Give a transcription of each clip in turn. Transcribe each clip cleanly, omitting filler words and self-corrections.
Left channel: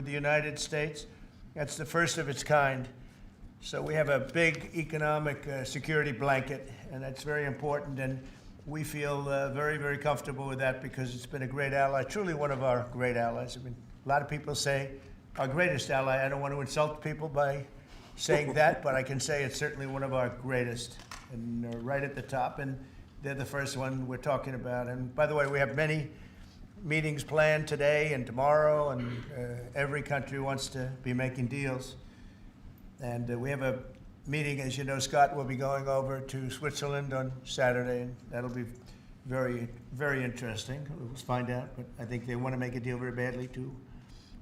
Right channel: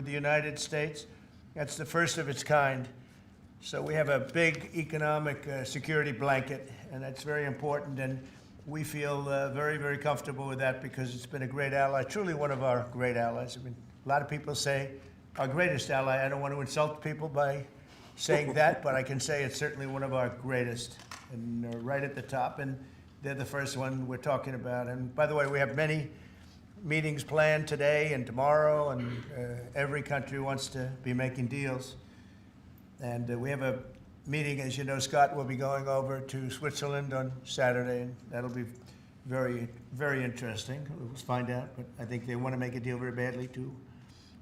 with the United States. That's the first of its kind. So we have a big economic security blanket, and that's very important. And we feel very, very comfortable with that because it's been a great ally, truly one of our great allies. I mean, a lot of people say our greatest ally. I don't want to insult people by saying that, but I can say it's certainly one of our greatest, and right at the top. And they're the first one we're talking about. And by the way, we have many meetings planned today and tomorrow, and every country wants to be making deals. And we have a meeting, as you know, Scott will be going over to Switzerland on Saturday, and that'll be very, very interesting. We'll find out, but I think they want to make a deal very badly too.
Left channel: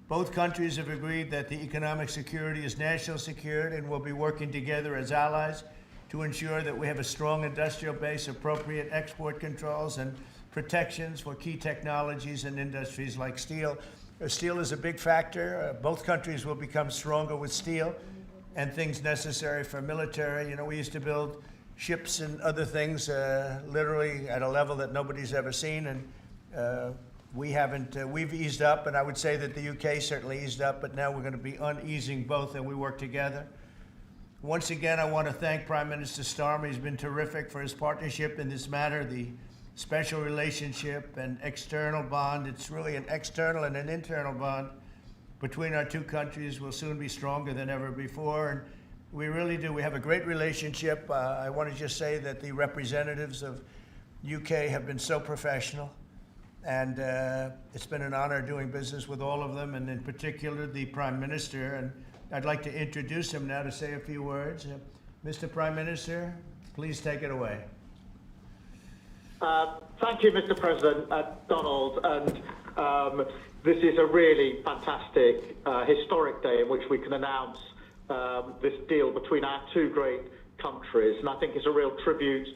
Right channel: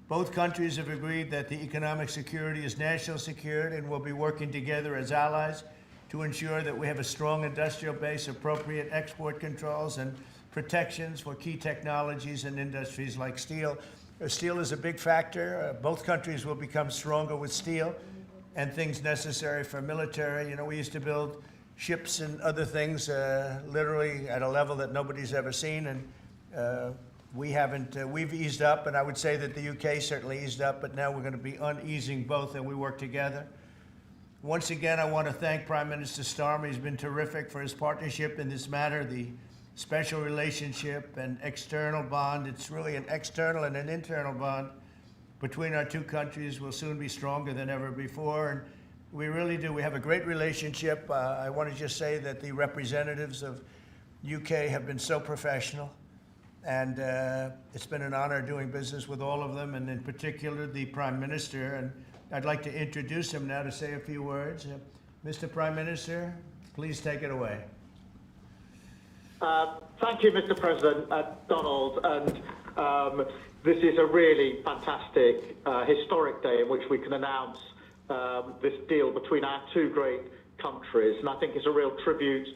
Both countries have agreed that the economic security is national security, and will be working together as allies to ensure that we have a strong industrial base, appropriate export controls, and protections for key technologies and industries like steel. Steel is a big factor. Both countries will become stronger with steel and things necessary for military. You know, we used to build ships and other things literally at a level that nobody's ever seen, and we haven't, we've eased up, and I would say that the UK certainly eased up, but now we're going to be uneasing both, and we work together. Once again, I want to thank Prime Minister Starmer. He's been terrific for his partnership in this matter, the special relationship and external bond. It's really an external and an internal bond between our two countries will soon be stronger than ever before, and we really do. We have a great relationship. I want to just say that the representatives of UK have been so professional, and it's been an honor doing business with all of them, and in particular the Prime Minister. And I'd like to introduce him now to say a few words. Mr. Prime Minister, please take it away. Thank you, Mr. President, Donald. And this is a really fantastic, historic day in which we can announce this deal between our two great countries. And I think it's a real tribute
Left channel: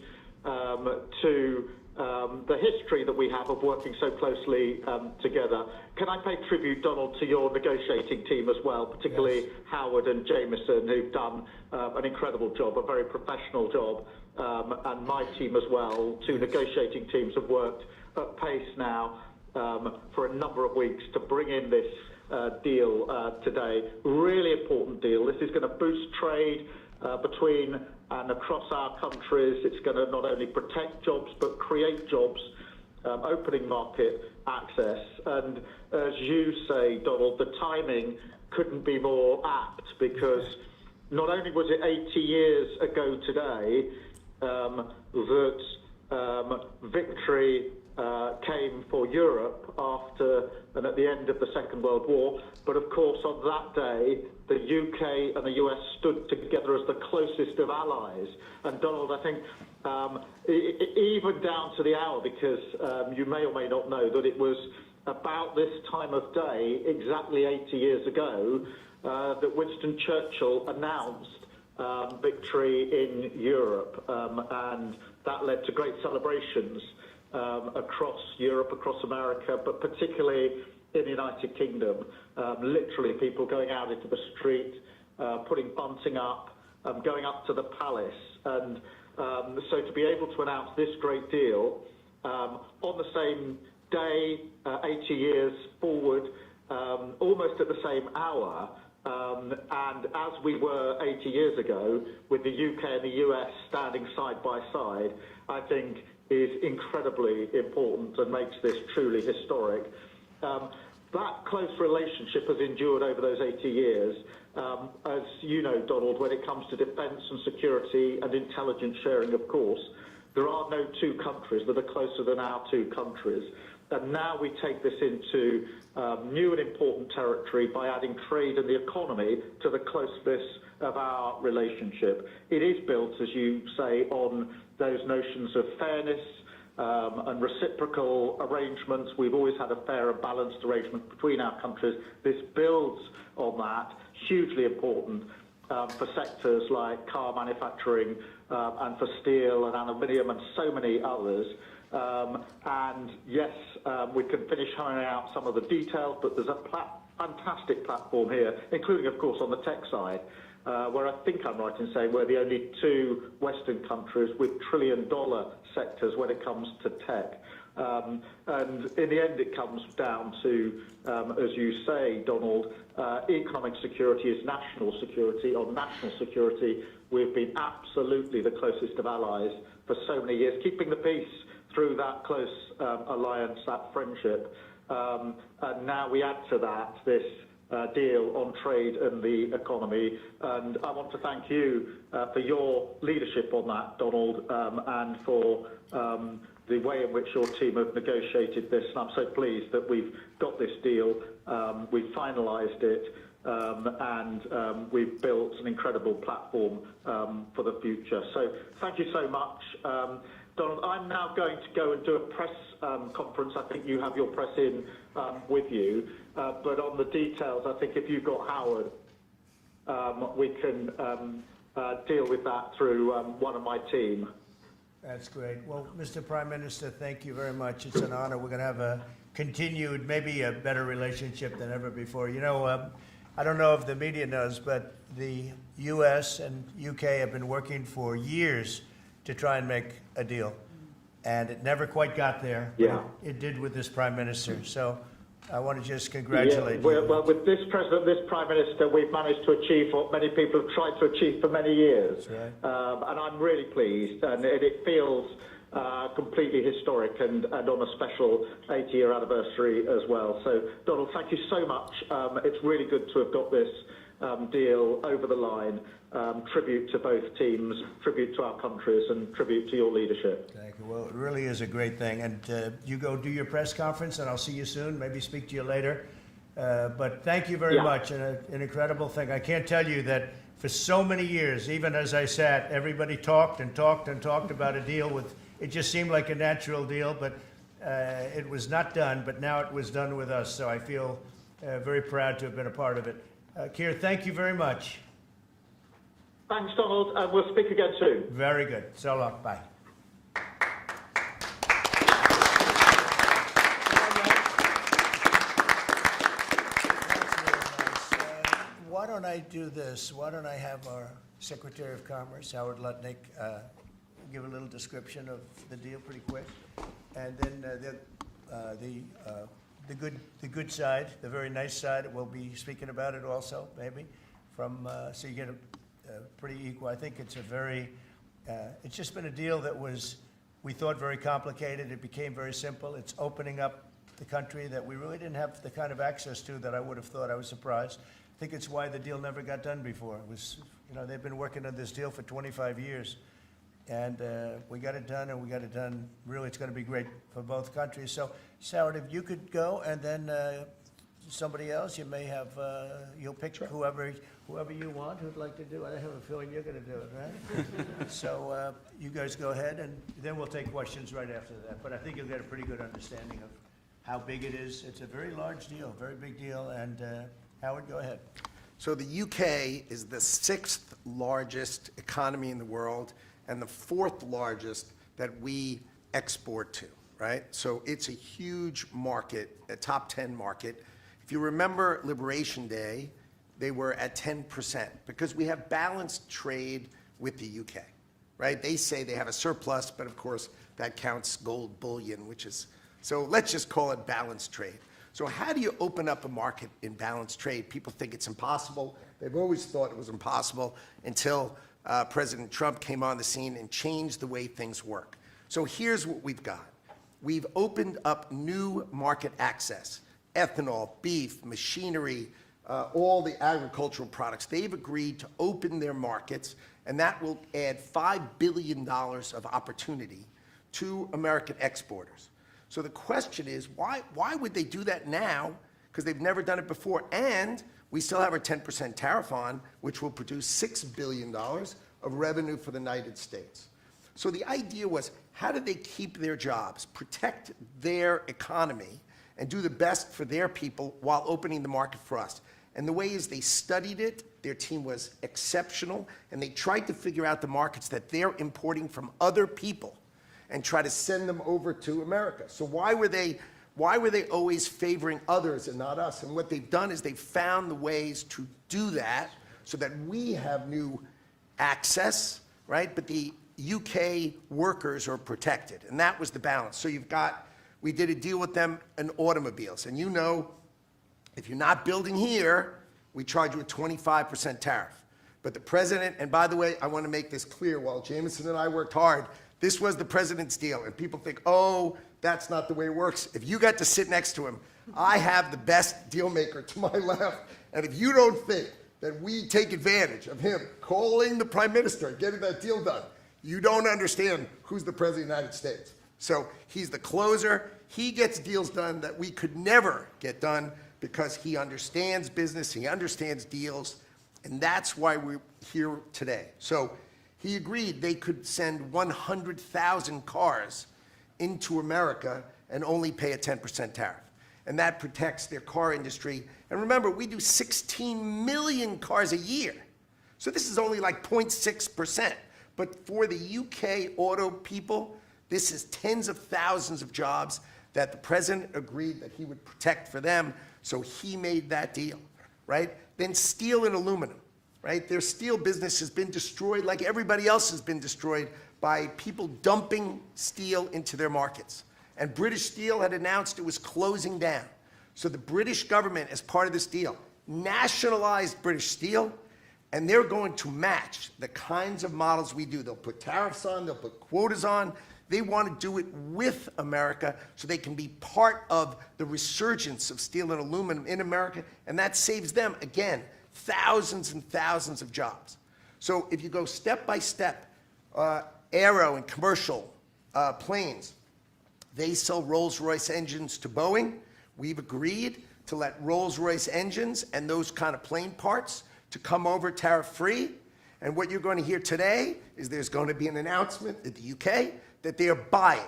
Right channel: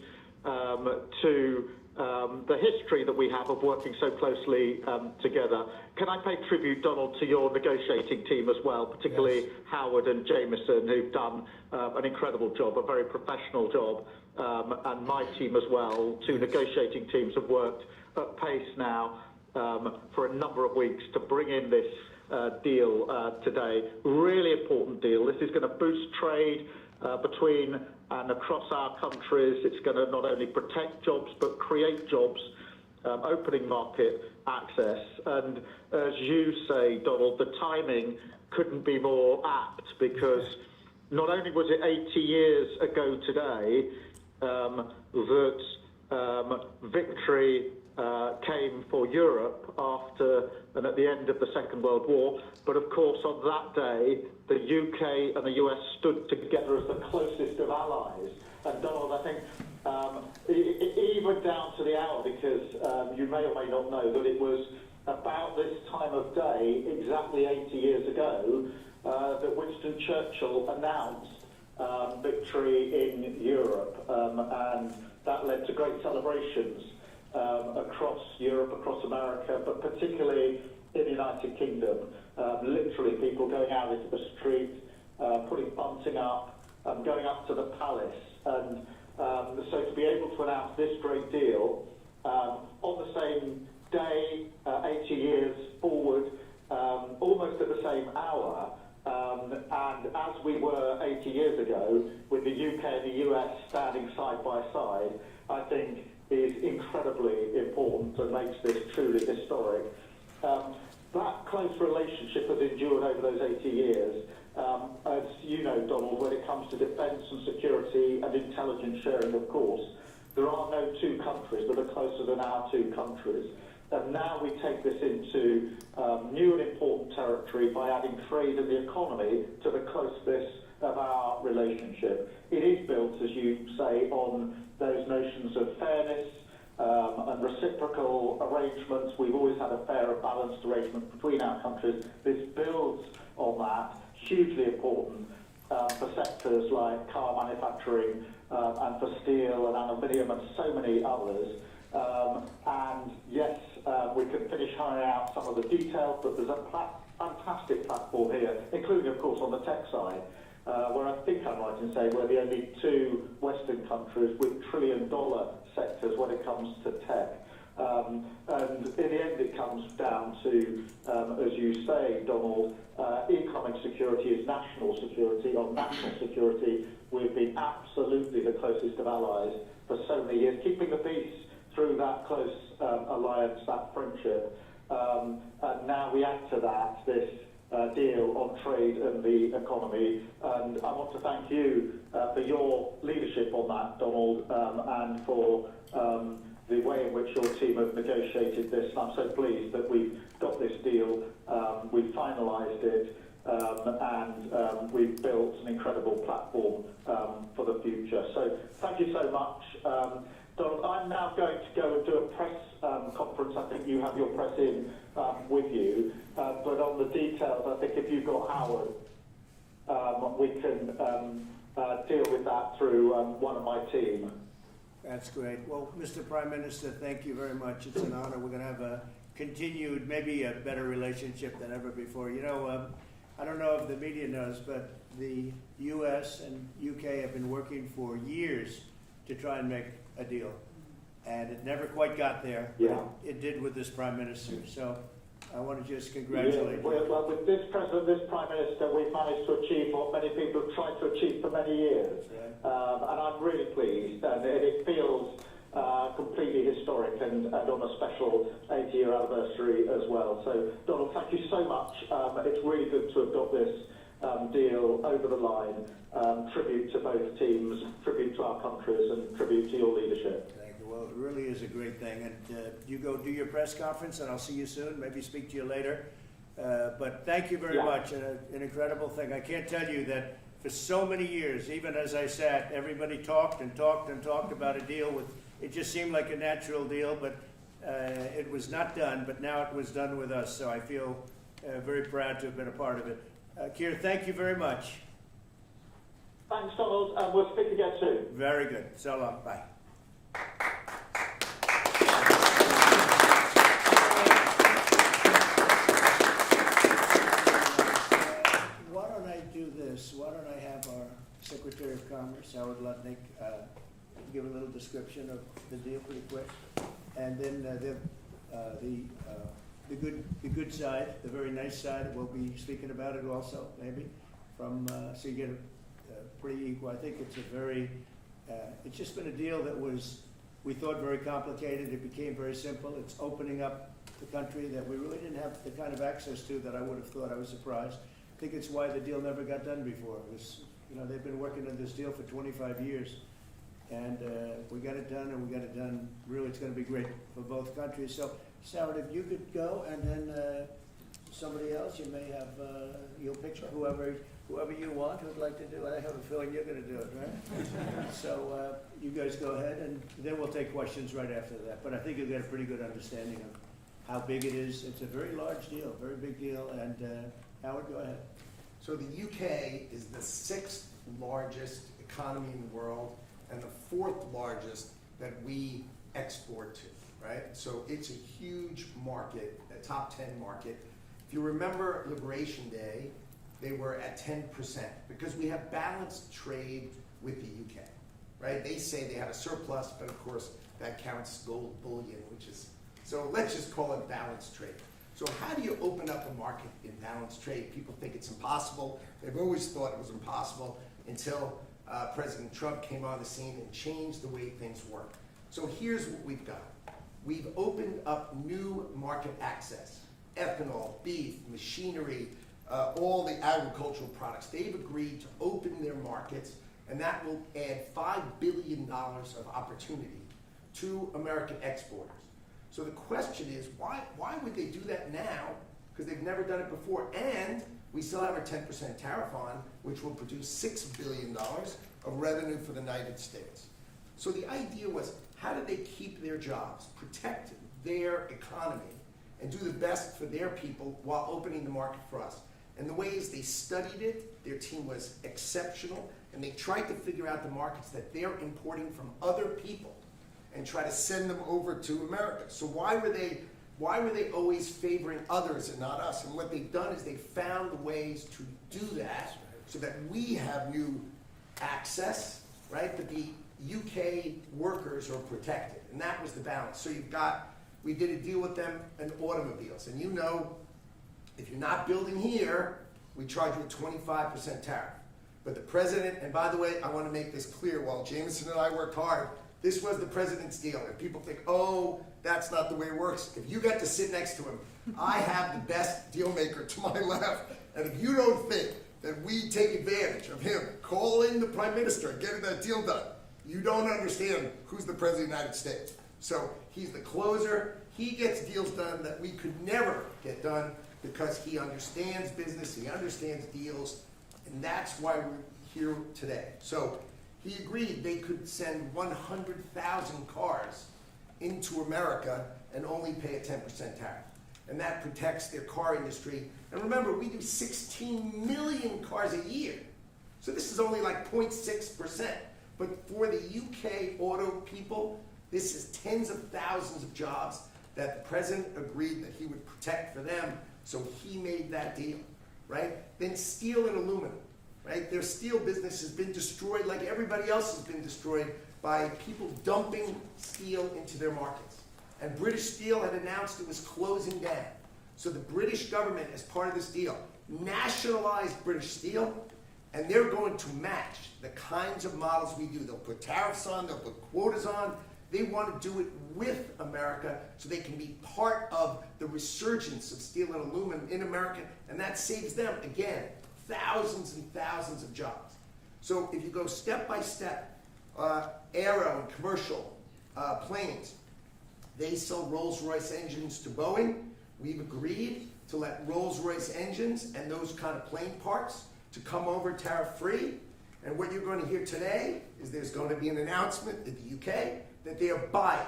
to the history that we have of working so closely together. Can I pay tribute, Donald, to your negotiating team as well, particularly yes, Howard and Jameson, who've done an incredible job, a very professional job, and my team as well. Two negotiating teams have worked at pace now for a number of weeks to bring in this deal today. Really important deal. This is going to boost trade between and across our countries. It's going to not only protect jobs but create jobs, opening market access. And as you say, Donald, the timing couldn't be more apt, because not only was it 80 years ago today that victory came for Europe after and at the end of the Second World War, but of course on that day the UK and the US stood together as the closest of allies. And Donald, I think even down to the hour, because you may or may not know that it was about this time of day, exactly 80 years ago, that Winston Churchill announced victory in Europe, and that led to great celebrations across Europe, across America, but particularly in the United Kingdom. Literally people going out into the street, putting bunting up, going up to the palace. And so to be able to announce this great deal on the same day, 80 years forward, almost at the same hour, and as we were 80 years ago, with the UK and the US standing side by side, I think is incredibly important and makes this truly historic. That close relationship has endured over those 80 years. As you know, Donald, when it comes to defence and security and intelligence sharing, of course, there are no two countries that are closer than our two countries. And now we take this into new and important territory by adding trade and the economy to the closeness of our relationship. It is built, as you say, on those notions of fairness and reciprocal arrangements. We've always had a fair and balanced arrangement between our countries. This builds on that, hugely important for sectors like car manufacturing and for steel and aluminium and so many others. And yes, we can finish ironing out some of the details, but there's a fantastic platform here, including, of course, on the tech side, where I think I'm right in saying we're the only two Western countries with trillion-dollar sectors when it comes to tech. And in the end, it comes down to, as you say, Donald, economic security is national security. On national security, we've been absolutely the closest of allies for so many years, keeping the peace through that close alliance, that friendship. And now we add to that this deal on trade and the economy. And I want to thank you for your leadership on that, Donald, and for the way in which your team have negotiated this. And I'm so pleased that we've got this deal, we've finalised it, and we've built an incredible platform for the future. So thank you so much. Donald, I'm now going to go and do a press conference. I think you have your press in with you. But on the details, I think if you've got Howard, we can deal with that through one of my team. That's great. Well, Mr. Prime Minister, thank you very much. It's an honor. We're going to have a continued, maybe a better relationship than ever before. You know, I don't know if the media knows, but the U.S. and U.K. have been working for years to try and make a deal. And it never quite got there. Yeah. It did with this Prime Minister. So I want to just congratulate you. Well, with this President, this Prime Minister, we've managed to achieve what many people have tried to achieve for many years. Right. And I'm really pleased, and it feels completely historic and on a special 80-year anniversary as well. So, Donald, thank you so much. It's really good to have got this deal over the line. Tribute to both teams, tribute to our countries, and tribute to your leadership. Thank you. Well, it really is a great thing. And you go do your press conference, and I'll see you soon. Maybe speak to you later. But thank you very much. And an incredible thing. I can't tell you that for so many years, even as I sat, everybody talked and talked and talked about a deal with. It just seemed like a natural deal, but it was not done. But now it was done with us. So I feel very proud to have been a part of it. Keir, thank you very much. Thanks, Donald, and we'll speak again soon. Very good. So long. Bye. Why don't I do this? Why don't I have our Secretary of Commerce, Howard Lutnick, give a little description of the deal pretty quick, and then the good side, the very nice side, we'll be speaking about it also, maybe, from so you get a pretty equal. I think it's a very, it's just been a deal that was, we thought, very complicated. It became very simple. It's opening up the country that we really didn't have the kind of access to that I would have thought. I was surprised. I think it's why the deal never got done before. It was, you know, they've been working on this deal for 25 years. And we got it done, and we got it done. Really, it's going to be great for both countries. So, Howard, if you could go, and then somebody else, you may have, you'll pick whoever you want who'd like to do it. I have a feeling you're going to do it, right? So you guys go ahead, and then we'll take questions right after that. But I think you'll get a pretty good understanding of how big it is. It's a very large deal, very big deal. And Howard, go ahead. So the UK is the 6th largest economy in the world and the 4th largest that we export to, right? So it's a huge market, a top 10 market. If you remember Liberation Day, they were at 10% because we have balanced trade with the UK, right? They say they have a surplus, but of course that counts gold bullion, which is, so let's just call it balanced trade. So how do you open up a market in balanced trade? People think it's impossible. They've always thought it was impossible until President Trump came on the scene and changed the way things work. So here's what we've got. We've opened up new market access, ethanol, beef, machinery, all the agricultural products. They've agreed to open their markets, and that will add $5 billion of opportunity to American exporters. So the question is, why would they do that now? Because they've never done it before. And we still have our 10% tariff on, which will produce $6 billion of revenue for the United States. So the idea was, how do they keep their jobs, protect their economy, and do the best for their people while opening the market for us? And the way is they studied it, their team was exceptional, and they tried to figure out the markets that they're importing from other people and try to send them over to America. So why were they always favoring others and not us? And what they've done is they've found the ways to do that so that we have new access, right? But the UK workers are protected, and that was the balance. So you've got We did a deal with them in automobiles. And you know, if you're not building here, we charge you a 25% tariff. But the president, and by the way, I want to make this clear, while Jameson and I worked hard, this was the president's deal. And people think, oh, that's not the way it works. If you got to sit next to him, I have the best deal maker to my left. And if you don't think that we take advantage of him calling the prime minister and getting that deal done, you don't understand who's the president of the United States. So he's the closer. He gets deals done that we could never get done because he understands business, he understands deals, and that's why we're here today. So he agreed they could send 100,000 cars into America and only pay a 10% tariff. And that protects their car industry. And remember, we do 16 million cars a year. So this is only like 0.6%. But for the UK auto people, this is tens of thousands of jobs that the president agreed that he would protect for them. So he made that deal, right? Then steel and aluminum, right? Their steel business has been destroyed like everybody else has been destroyed by people dumping steel into their markets. And British Steel had announced it was closing down. So the British government, as part of this deal, nationalized British Steel, and they're going to match the kinds of models we do. They'll put tariffs on, they'll put quotas on. They want to do it with America so they can be part of the resurgence of steel and aluminum in America, and that saves them, again, thousands and thousands of jobs. So if you go step by step, aero and commercial planes, they sell Rolls-Royce engines to Boeing. We've agreed to let Rolls-Royce engines and those kind of plane parts to come over tariff-free. And what you're going to hear today is there's going to be an announcement in the UK that they are buying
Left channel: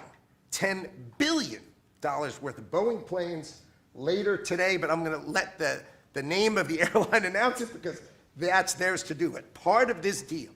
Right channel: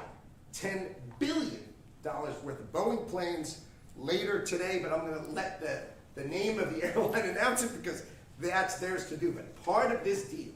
$10 billion worth of Boeing planes later today, but I'm going to let the name of the airline announce it because that's theirs to do. But part of this deal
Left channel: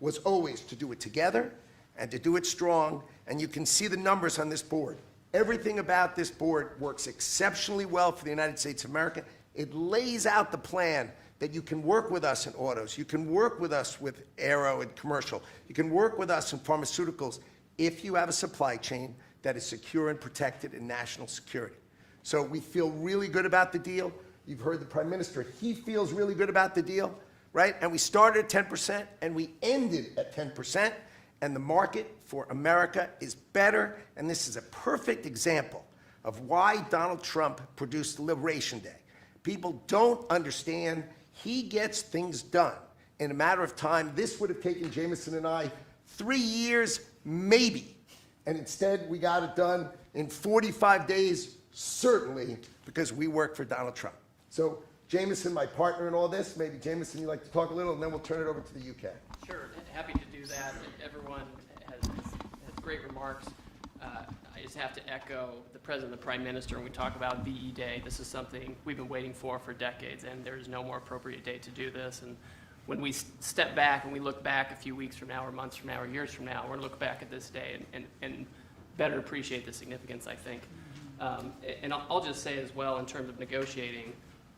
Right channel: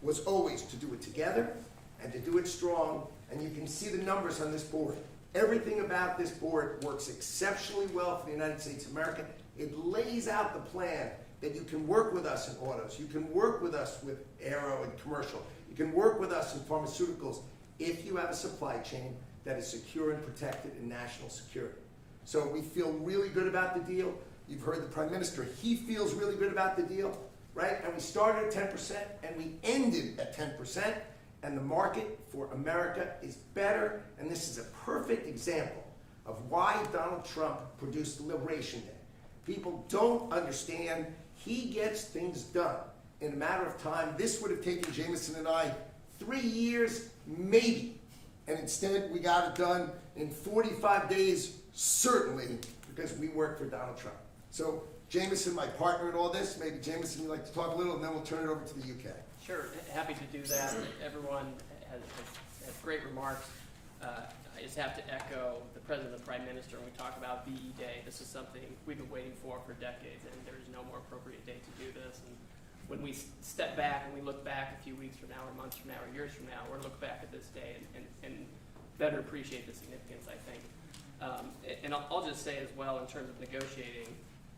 was always to do it together and to do it strong, and you can see the numbers on this board. Everything about this board works exceptionally well for the United States of America. It lays out the plan that you can work with us in autos, you can work with us with aero and commercial, you can work with us in pharmaceuticals if you have a supply chain that is secure and protected in national security. So we feel really good about the deal. You've heard the Prime Minister, he feels really good about the deal, right? And we started at 10% and we ended at 10%, and the market for America is better, and this is a perfect example of why Donald Trump produced Liberation Day. People don't understand. He gets things done in a matter of time. This would have taken Jameson and I 3 years, maybe. And instead, we got it done in 45 days, certainly, because we work for Donald Trump. So, Jameson, my partner in all this, maybe Jameson, you'd like to talk a little, and then we'll turn it over to the UK. Sure, happy to do that. Everyone has great remarks. I just have to echo the President and the Prime Minister when we talk about VE Day. This is something we've been waiting for decades, and there's no more appropriate day to do this. And when we step back and we look back a few weeks from now or months from now or years from now, we're going to look back at this day and better appreciate the significance, I think. And I'll just say as well, in terms of negotiating,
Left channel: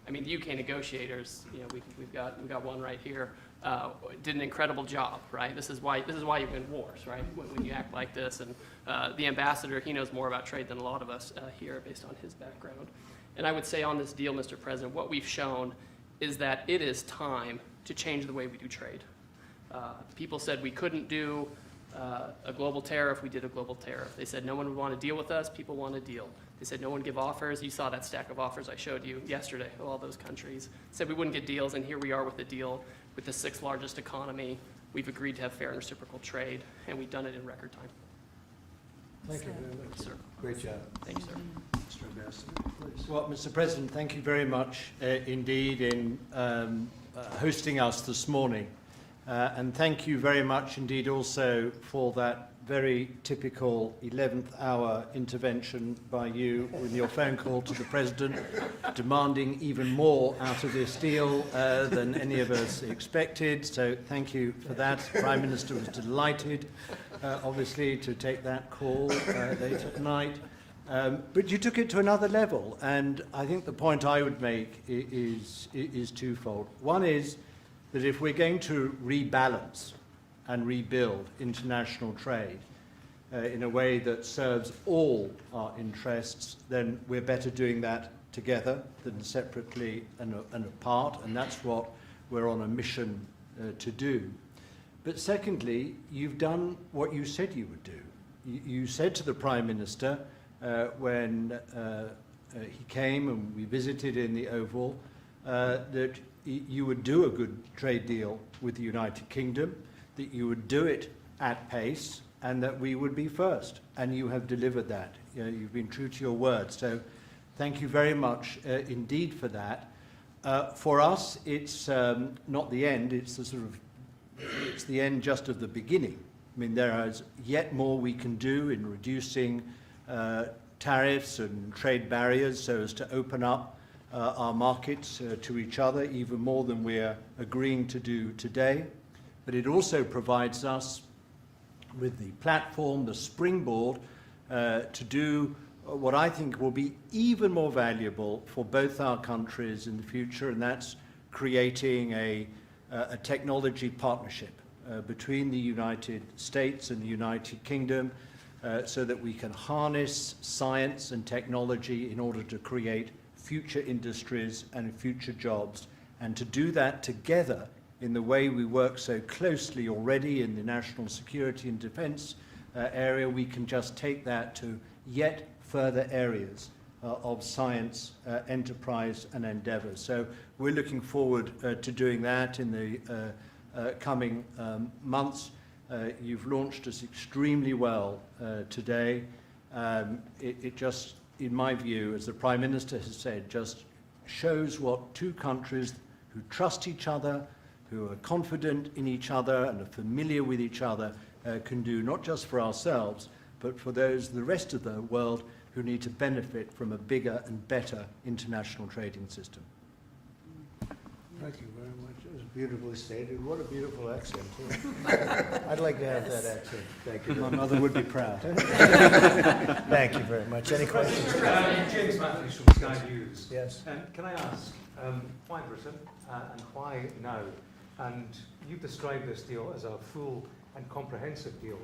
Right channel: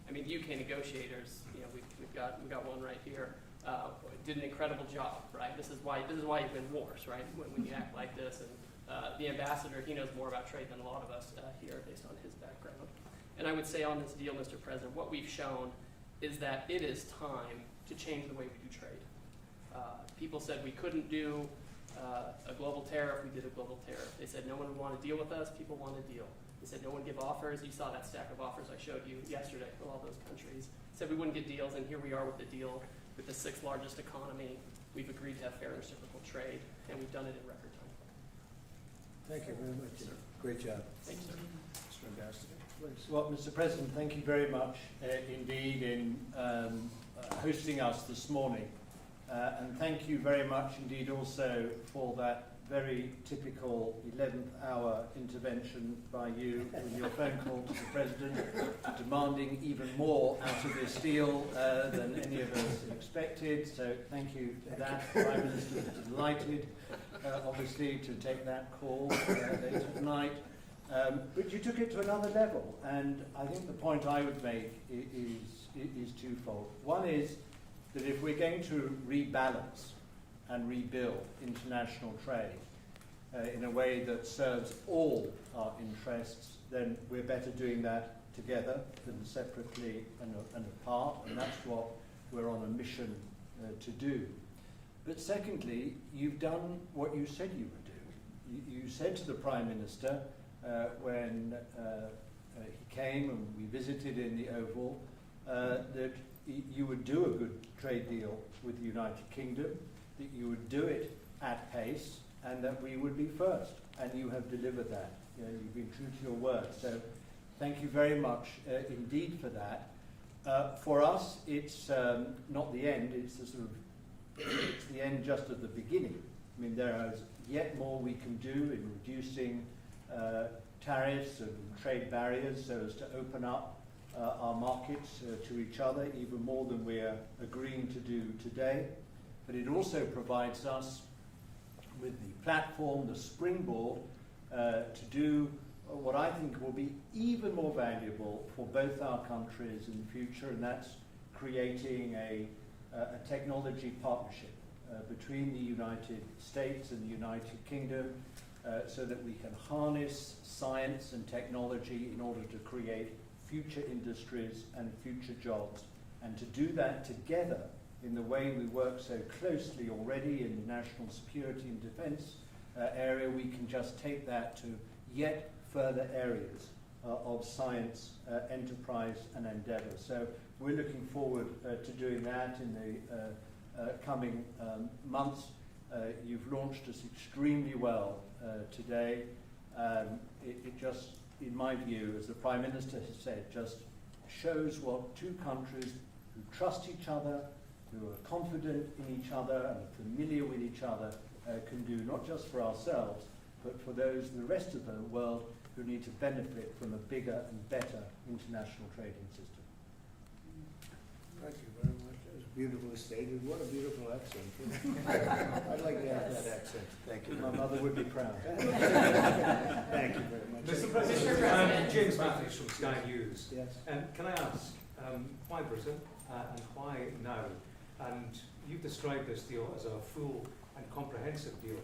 I mean, the UK negotiators, you know, we've got one right here, did an incredible job, right? This is why you win wars, right? When you act like this, and the ambassador, he knows more about trade than a lot of us here, based on his background. And I would say on this deal, Mr. President, what we've shown is that it is time to change the way we do trade. People said we couldn't do a global tariff. We did a global tariff. They said no one would want to deal with us. People want to deal. They said no one give offers. You saw that stack of offers I showed you yesterday of all those countries. Said we wouldn't get deals, and here we are with a deal with the 6th largest economy. We've agreed to have fair and reciprocal trade, and we've done it in record time. Thank you very much. Sir. Great job. Thank you, sir. Mr. Ambassador, please. Well, Mr. President, thank you very much indeed in hosting us this morning. And thank you very much indeed also for that very typical 11th hour intervention by you with your phone call to the President, demanding even more out of this deal than any of us expected. So thank you for that. The Prime Minister was delighted, obviously, to take that call late at night. But you took it to another level, and I think the point I would make is twofold. One is that if we're going to rebalance and rebuild international trade, in a way that serves all our interests, then we're better doing that together than separately and apart, and that's what we're on a mission to do. But secondly, you've done what you said you would do. You said to the Prime Minister when he came and we visited in the Oval that you would do a good trade deal with the United Kingdom, that you would do it at pace, and that we would be first. And you have delivered that. You know, you've been true to your word. So thank you very much indeed for that. For us, it's not the end. It's the it's the end just of the beginning. I mean, there is yet more we can do in reducing tariffs and trade barriers so as to open up our markets to each other even more than we're agreeing to do today. But it also provides us with the platform, the springboard, to do what I think will be even more valuable for both our countries in the future, and that's creating a technology partnership between the United States and the United Kingdom so that we can harness science and technology in order to create future industries and future jobs, and to do that together in the way we work so closely already in the national security and defense area. We can just take that to yet further areas of science, enterprise and endeavour. So we're looking forward to doing that in the coming months. You've launched us extremely well today. It just, in my view, as the Prime Minister has said, just shows what two countries who trust each other, who are confident in each other and are familiar with each other can do, not just for ourselves, but for those, the rest of the world, who need to benefit from a bigger and better international trading system. Thank you very much. That was beautifully stated. What a beautiful accent, too. I'd like to have that accent. Thank you. My mother would be proud. Thank you very much. Any questions? James Matthews from Sky News. Yes. Can I ask, why Britain and why now? And you've described this deal as a full and comprehensive deal,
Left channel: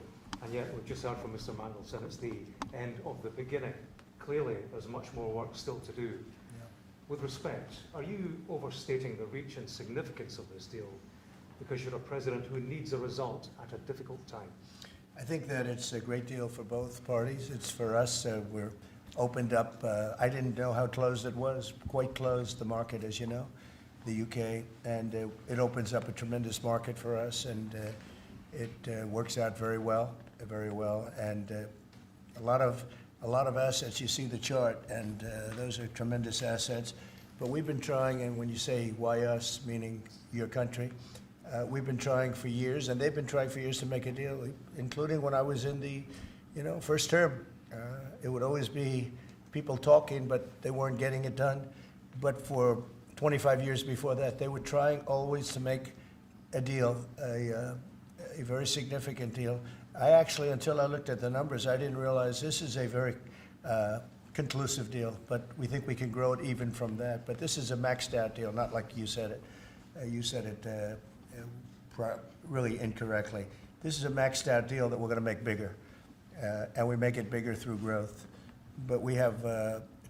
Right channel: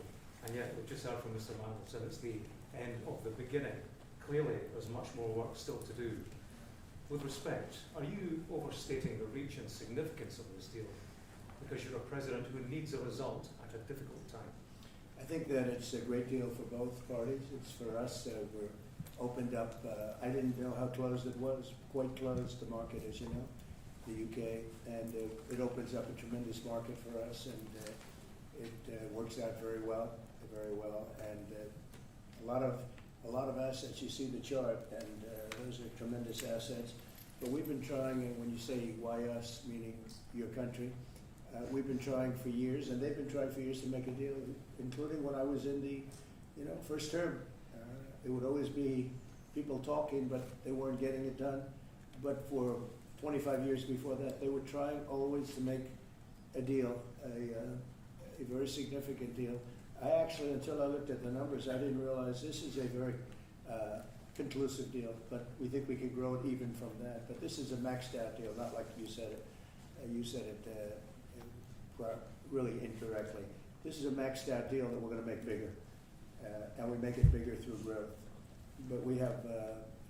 and yet we've just heard from Mr. Mandelson it's the end of the beginning. Clearly, there's much more work still to do. With respect, are you overstating the reach and significance of this deal because you're a president who needs a result at a difficult time? I think that it's a great deal for both parties. It's for us. We're opened up. I didn't know how closed it was. Quite closed, the market, as you know, the UK, and it opens up a tremendous market for us, and it works out very well, and a lot of assets. You see the chart, and those are tremendous assets. But we've been trying, and when you say why us, meaning your country, we've been trying for years, and they've been trying for years to make a deal, including when I was in the, first term. It would always be people talking, but they weren't getting it done. But for 25 years before that, they were trying always to make a deal, a very significant deal. I actually, until I looked at the numbers, I didn't realize this is a very conclusive deal, but we think we can grow it even from that. But this is a maxed out deal, not like you said it. You said it really incorrectly. This is a maxed out deal that we're going to make bigger, and we make it bigger through growth. But we have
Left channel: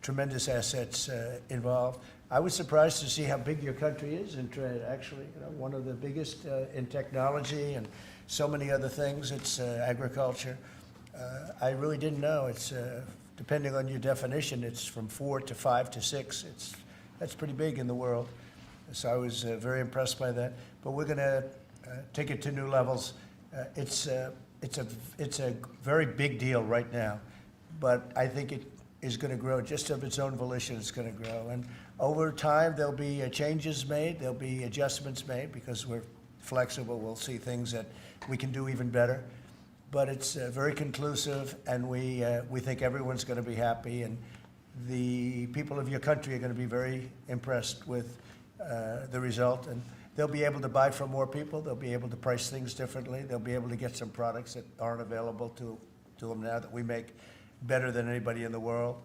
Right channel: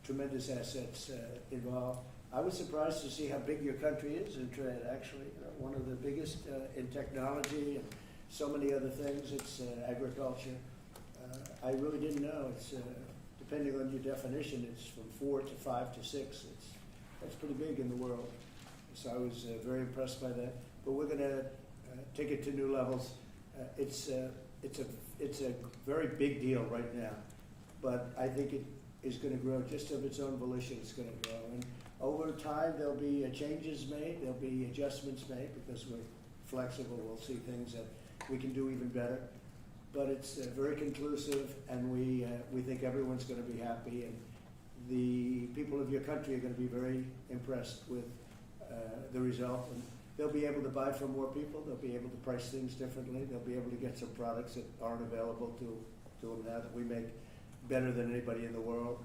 tremendous assets involved. I was surprised to see how big your country is in trade, actually. One of the biggest in technology and so many other things. It's agriculture. I really didn't know. It's depending on your definition, it's from 4 to 5 to 6. That's pretty big in the world. So I was very impressed by that. But we're going to take it to new levels. It's a very big deal right now, but I think it is going to grow just of its own volition. It's going to grow, and over time there'll be changes made. There'll be adjustments made because we're flexible. We'll see things that we can do even better. But it's very conclusive, and we think everyone's going to be happy, and the people of your country are going to be very impressed with the result, and they'll be able to buy from more people. They'll be able to price things differently. They'll be able to get some products that aren't available to them now that we make better than anybody in the world.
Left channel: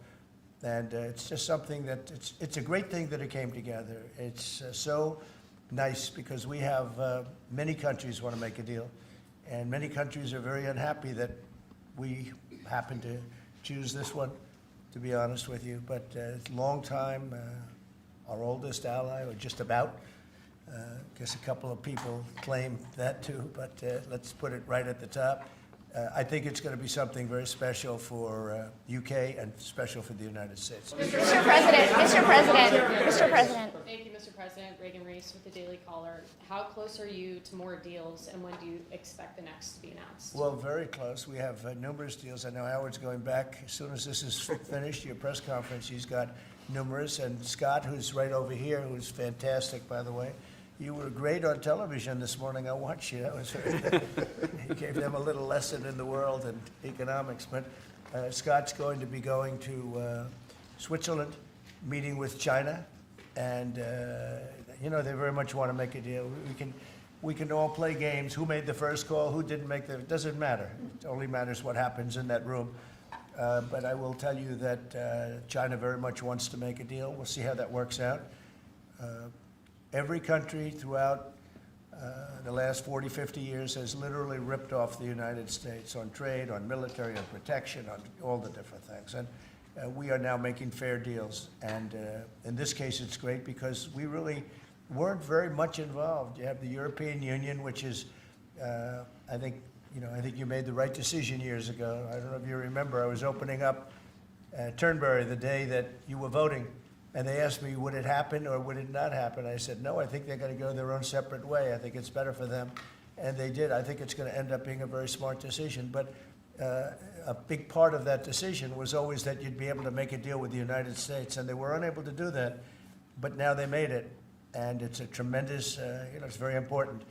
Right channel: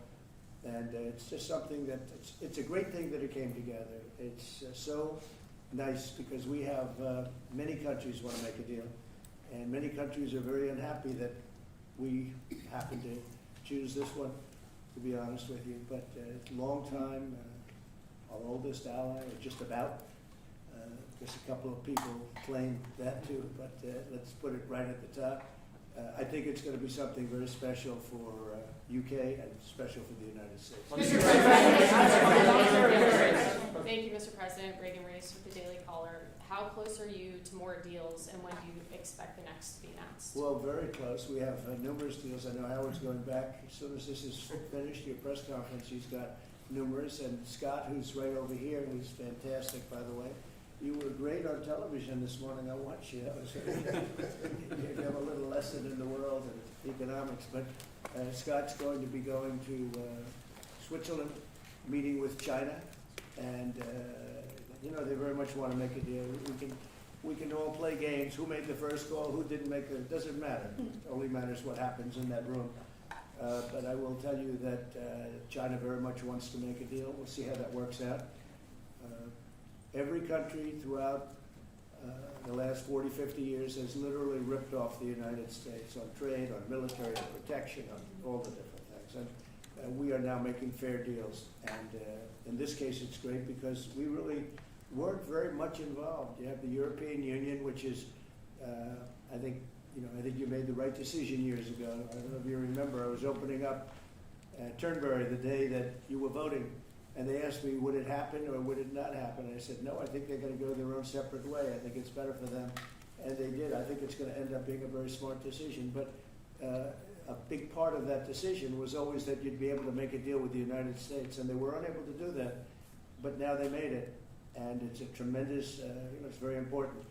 And it's just something that it's a great thing that it came together. It's so nice because we have many countries want to make a deal, and many countries are very unhappy that we happen to choose this one, to be honest with you. But long time, our oldest ally, or just about. Guess a couple of people claim that too, but let's put it right at the top. I think it's going to be something very special for UK and special for the United States. Mr. President. Thank you, Mr. President. Reagan Reese with the Daily Caller. How close are you to more deals, and when do you expect the next to be announced? Well, very close. We have numerous deals. I know Howard's going back. As soon as this is finished, your press conference, he's got numerous. And Scott, who's right over here, who's fantastic, by the way. You were great on television this morning. I watched you. That was very good. You gave them a little lesson in the world and economics. But Scott's going to be going to Switzerland, meeting with China. And, you know, they very much want to make a deal. We can all play games. Who made the first call? Who didn't make the... It doesn't matter. It only matters what happens in that room. But I will tell you that China very much wants to make a deal. We'll see how that works out. Every country throughout the last 40, 50 years has literally ripped off the United States on trade, on military, on protection, on all the different things. And we are now making fair deals. And in this case, it's great because we really weren't very much involved. You have the European Union, which is, I think you made the right decision years ago. I don't know if you remember, I was opening up Turnberry the day that you were voting. And they asked me, would it happen or would it not happen? I said, no, I think they're going to go their own separate way. I think it's better for them. And they did. I think it's going to end up being a very smart decision. But a big part of that decision was always that you'd be able to make a deal with the United States. And they were unable to do that. But now they made it. And it's a tremendous, it's very important.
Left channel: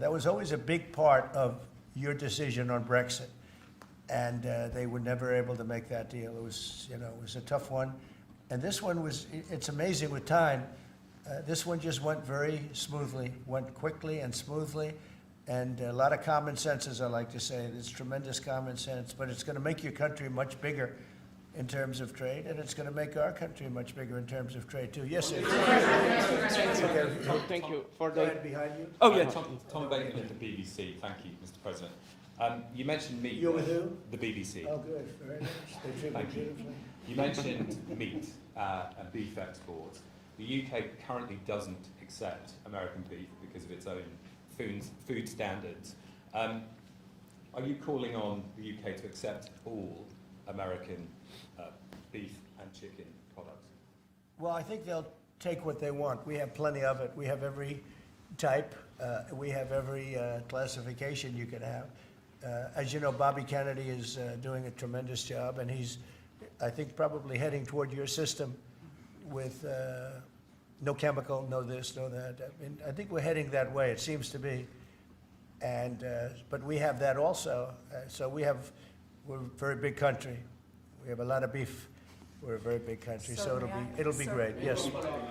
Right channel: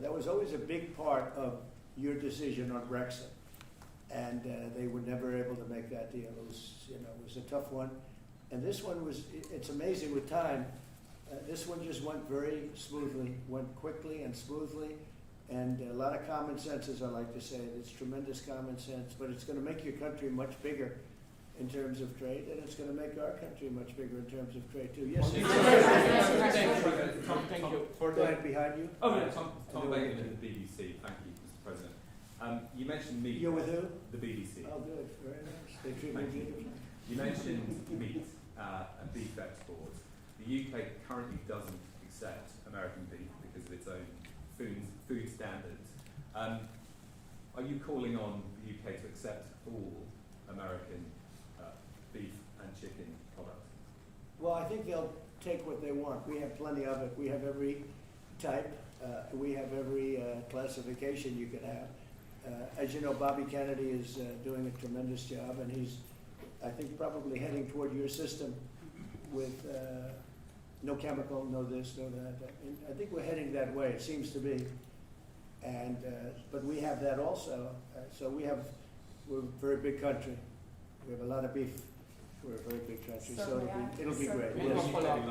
That was always a big part of your decision on Brexit. And they were never able to make that deal. It was a tough one. And this one it's amazing with time. This one just went very smoothly, went quickly and smoothly, and a lot of common sense, as I like to say. There's tremendous common sense, but it's going to make your country much bigger in terms of trade, and it's going to make our country much bigger in terms of trade, too. Yes, sir. Thank you. Go ahead, behind you. Oh, yeah. Tom Bacon at the BBC. Thank you, Mr. President. You mentioned meat. You're with who? The BBC. Oh, good. Very nice. They treat me Thank you. beautifully. You mentioned meat and beef exports. The UK currently doesn't accept American beef because of its own food standards. Are you calling on the UK to accept all American beef and chicken products? Well, I think they'll take what they want. We have plenty of it. We have every type. We have every classification you could have. As you know, Bobby Kennedy is doing a tremendous job, and he's, I think, probably heading toward your system with no chemical, no this, no that. I think we're heading that way, it seems to be. And but we have that also. So we're a very big country. We have a lot of beef. We're a very big country, so it'll be great. Yes.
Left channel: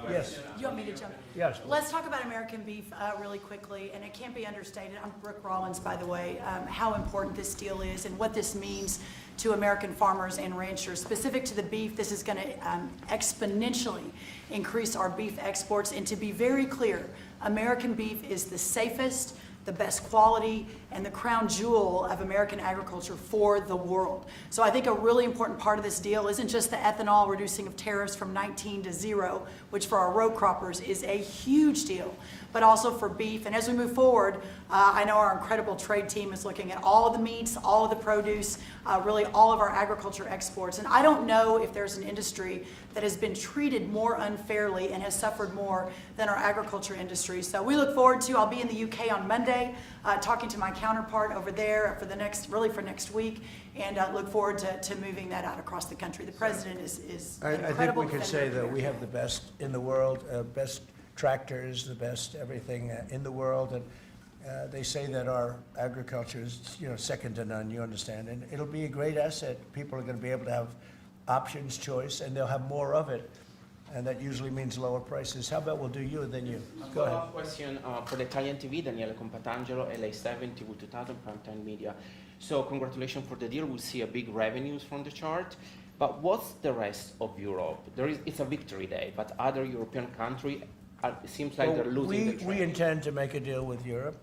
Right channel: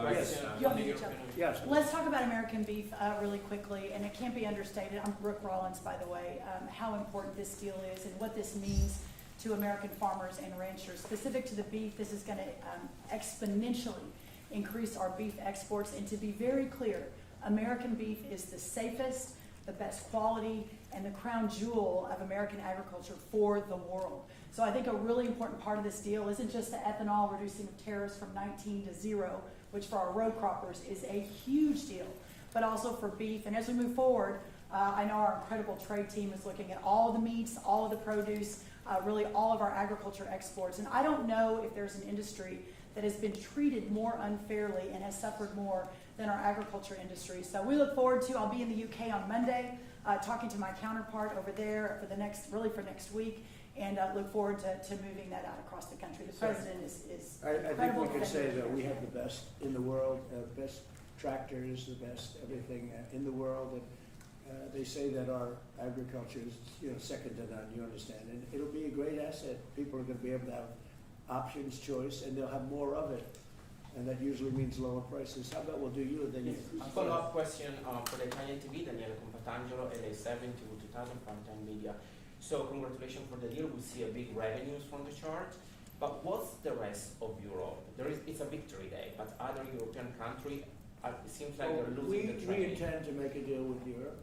Yes. You want me to jump? Yes. Let's talk about American beef really quickly, and it can't be understated. I'm Rick Rollins, by the way, how important this deal is and what this means to American farmers and ranchers. Specific to the beef, this is going to exponentially increase our beef exports. And to be very clear, American beef is the safest, the best quality, and the crown jewel of American agriculture for the world. So I think a really important part of this deal isn't just the ethanol reducing of tariffs from 19 to 0, which for our row croppers is a huge deal, but also for beef. And as we move forward, I know our incredible trade team is looking at all of the meats, all of the produce, really all of our agriculture exports. And I don't know if there's an industry that has been treated more unfairly and has suffered more than our agriculture industry. So we look forward to, I'll be in the UK on Monday, talking to my counterpart over there for next week, and look forward to moving that out across the country. The president is I think incredible we could say defender that of we have America. the best in the world, best tractors, the best everything in the world. And they say that our agriculture is, second to none, you understand. And it'll be a great asset. People are going to be able to have options, choice, and they'll have more of it. And that usually means lower prices. How about we'll do you and then you? A Go ahead. follow-up question for the Italian TV, Daniele Compatangelo, LA7, TV 2000, Primetime Media. So congratulations for the deal. We'll see a big revenues from the chart. But what's the rest of Europe? It's a victory day, but other European countries, it seems like they're losing the trade. We intend to make a deal with Europe.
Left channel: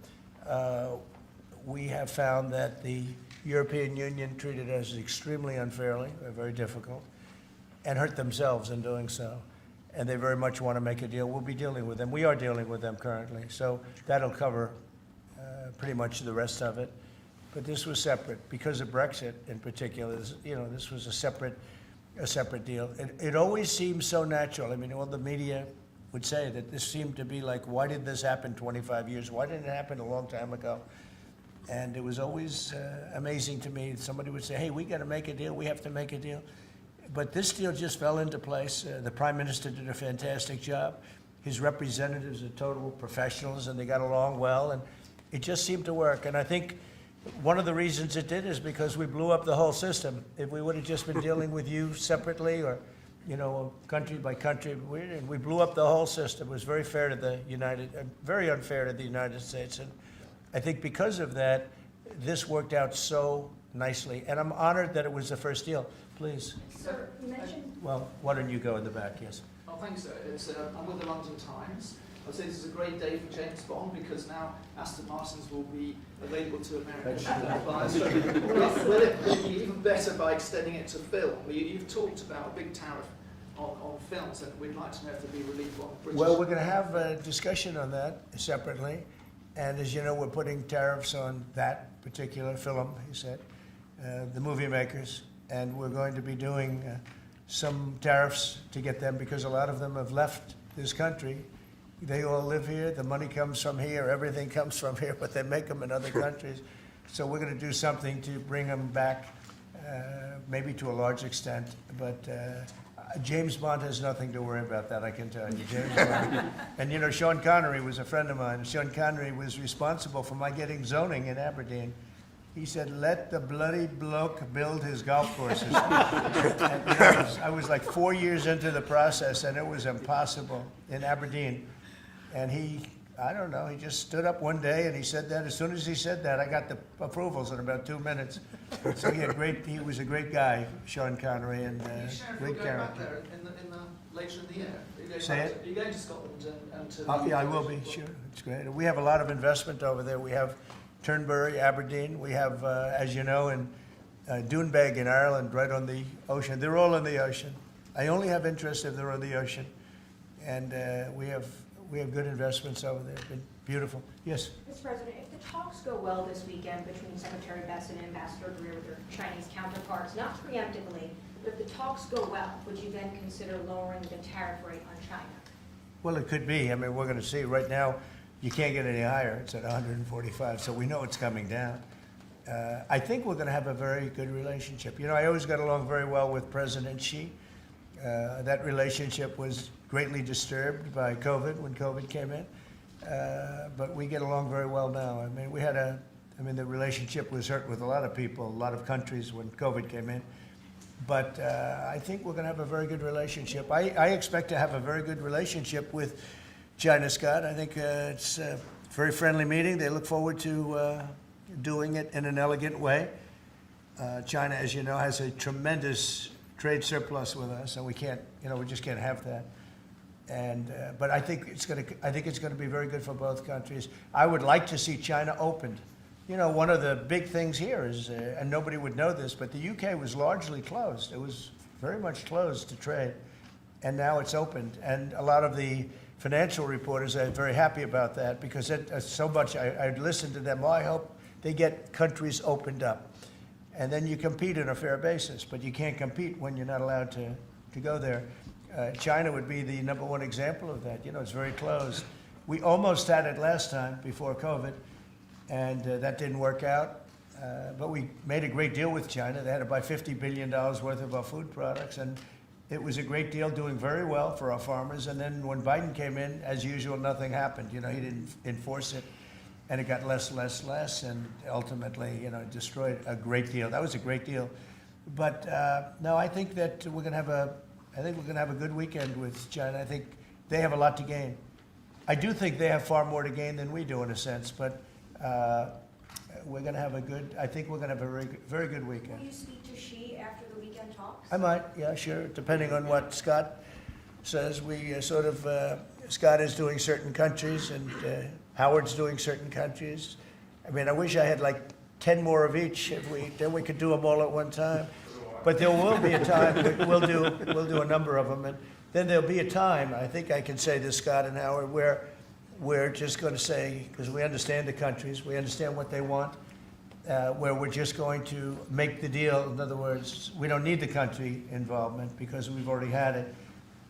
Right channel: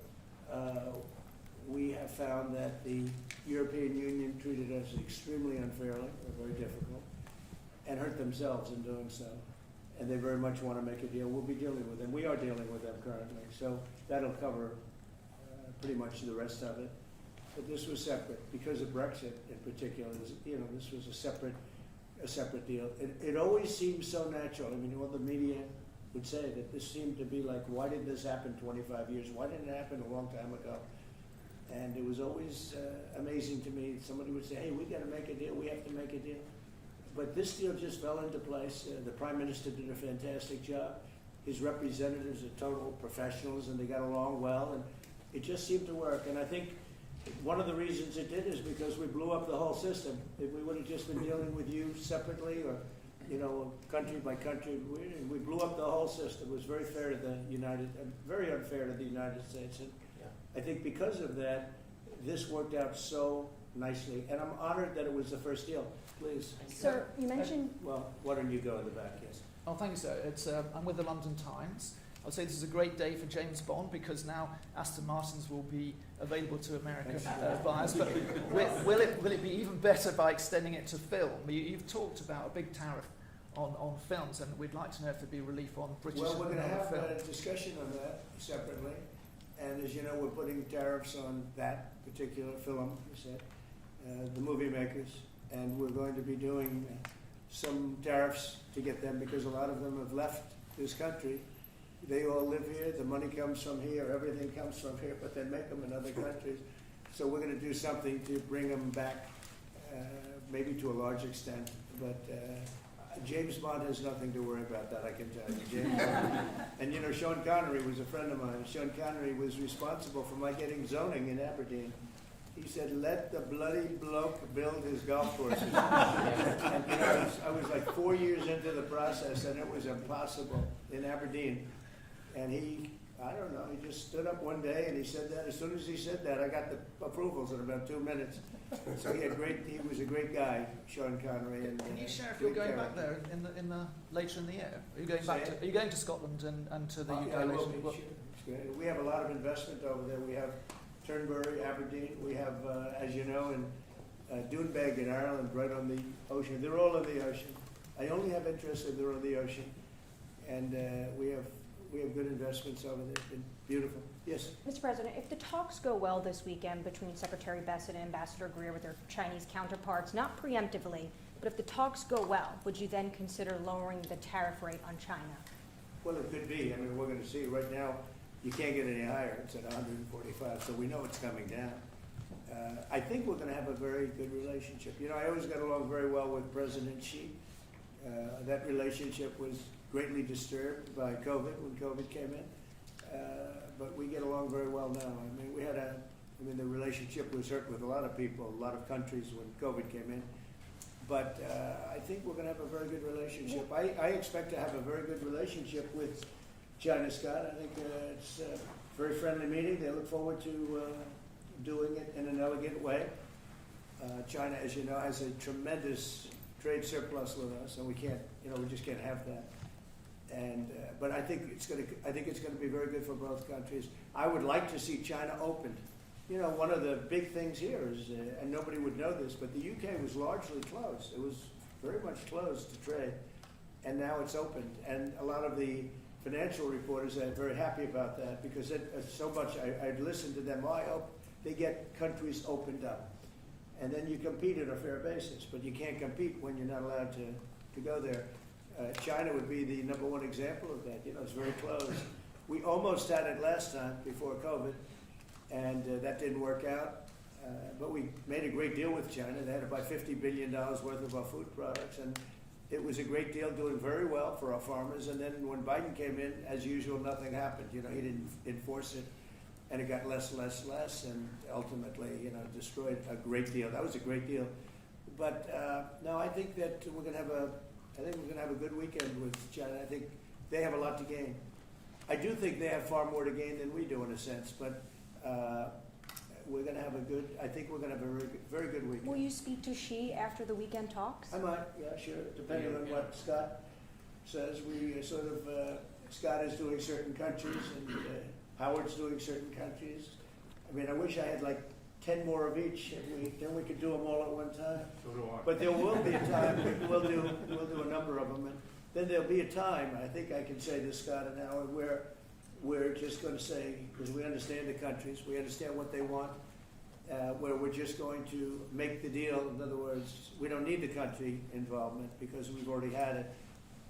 we have found that the European Union treated us extremely unfairly, very difficult, and hurt themselves in doing so. And they very much want to make a deal. We'll be dealing with them. We are dealing with them currently. So that'll cover pretty much the rest of it. But this was separate because of Brexit in particular. This was a separate deal. It always seems so natural. I mean, all the media would say that this seemed to be like, why did this happen 25 years? Why didn't it happen a long time ago? And it was always amazing to me. Somebody would say, hey, we got to make a deal. We have to make a deal. But this deal just fell into place. The Prime Minister did a fantastic job. His representatives are total professionals, and they got along well, and it just seemed to work. And I think one of the reasons it did is because we blew up the whole system. If we would have just been dealing with you separately or, country by country, we blew up the whole system. It was very fair to the very unfair to the United States. And I think because of that, this worked out so nicely. And I'm honored that it was the first deal. Please. Sir, you mentioned... Well, why don't you go in the back, yes. Oh, thanks, sir. I'm with the London Times. I'd say this is a great day for James Bond because now Aston Martins will be available to American buyers. Will it be even better by extending it to film? You've talked about a big tariff on films, and we'd like to know if there'll be relief on British... Well, we're going to have a discussion on that separately. And as you know, we're putting tariffs on that particular film, he said, the movie makers. And we're going to be doing some tariffs to get them because a lot of them have left this country. They all live here. The money comes from here. Everything comes from here, but they make them in other countries. So we're going to do something to bring them back, maybe to a large extent. But James Bond has nothing to worry about that, I can tell you. James Bond. And Sean Connery was a friend of mine. Sean Connery was responsible for my getting zoning in Aberdeen. He said, let the bloody bloke build his golf courses. And, I was like 4 years into the process, and it was impossible in Aberdeen. And he just stood up one day and he said that. As soon as he said that, I got the approvals in about 2 minutes. So he was a great guy, Sean Connery, and Are you sure if you're going back there later in the year? Are you going to Scotland and to the UK? Yeah, I will be, sure. It's great. We have a lot of investment over there. We have Turnberry, Aberdeen. We have, as you know, in Doonbeg in Ireland, right on the ocean. They're all in the ocean. I only have interest if they're on the ocean. And we have good investments over there. It's been beautiful. Yes? Mr. President, if the talks go well this weekend between Secretary Bessent and Ambassador Greer with their Chinese counterparts, not preemptively, but if the talks go well, would you then consider lowering the tariff rate on China? Well, it could be. I mean, we're going to see. Right now, you can't get any higher. It's at 145, so we know it's coming down. I think we're going to have a very good relationship. I always got along very well with President Xi. That relationship was greatly disturbed by COVID when COVID came in, but we get along very well now. I mean, the relationship was hurt with a lot of people, a lot of countries when COVID came in. But I think we're going to have a very good relationship. I expect to have a very good relationship with China, Scott. I think it's a very friendly meeting. They look forward to doing it in an elegant way. China, as you know, has a tremendous trade surplus with us, and we just can't have that. And but I think it's going to be very good for both countries. I would like to see China opened. One of the big things here is, and nobody would know this, but the UK was largely closed. It was very much closed to trade, and now it's opened. And a lot of the financial reporters are very happy about that because so much. I listened to them. Well, I hope they get countries opened up, and then you compete on a fair basis. But you can't compete when you're not allowed to go there. China would be the number one example of that. It's very closed. We almost had it last time before COVID, and that didn't work out. But we made a great deal with China. They had to buy $50 billion worth of our food products, and it was a great deal, doing very well for our farmers. And then when Biden came in, as usual, nothing happened. He didn't enforce it, and it got less, and ultimately, destroyed a great deal. That was a great deal. But no, I think that we're going to have a good weekend with China. I think they have a lot to gain. I do think they have far more to gain than we do in a sense, but we're going to have I think we're going to have a very, very good weekend. Will you speak to Xi after the weekend talks? I might, yeah, sure, depending on what Scott says. We Scott is doing certain countries, and Howard's doing certain countries. I mean, I wish I had like 10 more of each, then we could do them all at one time. But there will be a time, we'll do a number of them, and then there'll be a time, I think I can say this, Scott and Howard, where we're just going to say, because we understand the countries, we understand what they want, where we're just going to make the deal. In other words, we don't need the country involvement because we've already had it.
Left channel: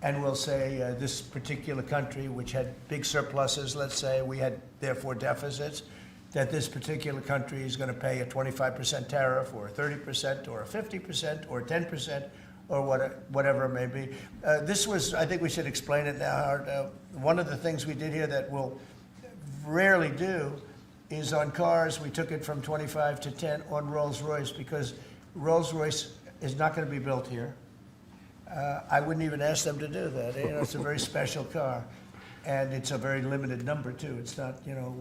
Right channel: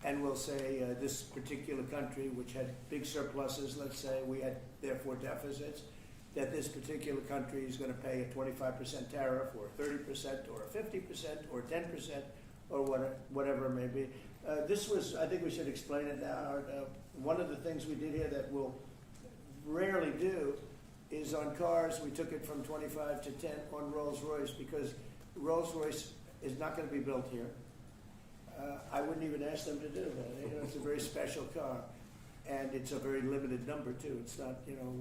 And we'll say this particular country, which had big surpluses, let's say, we had therefore deficits, that this particular country is going to pay a 25% tariff or a 30% or a 50% or 10% or whatever it may be. This was, I think we should explain it now, Howard. One of the things we did here that we'll rarely do is on cars, we took it from 25 to 10 on Rolls-Royce because Rolls-Royce is not going to be built here. I wouldn't even ask them to do that. You know, it's a very special car, and it's a very limited number too. It's not, you know,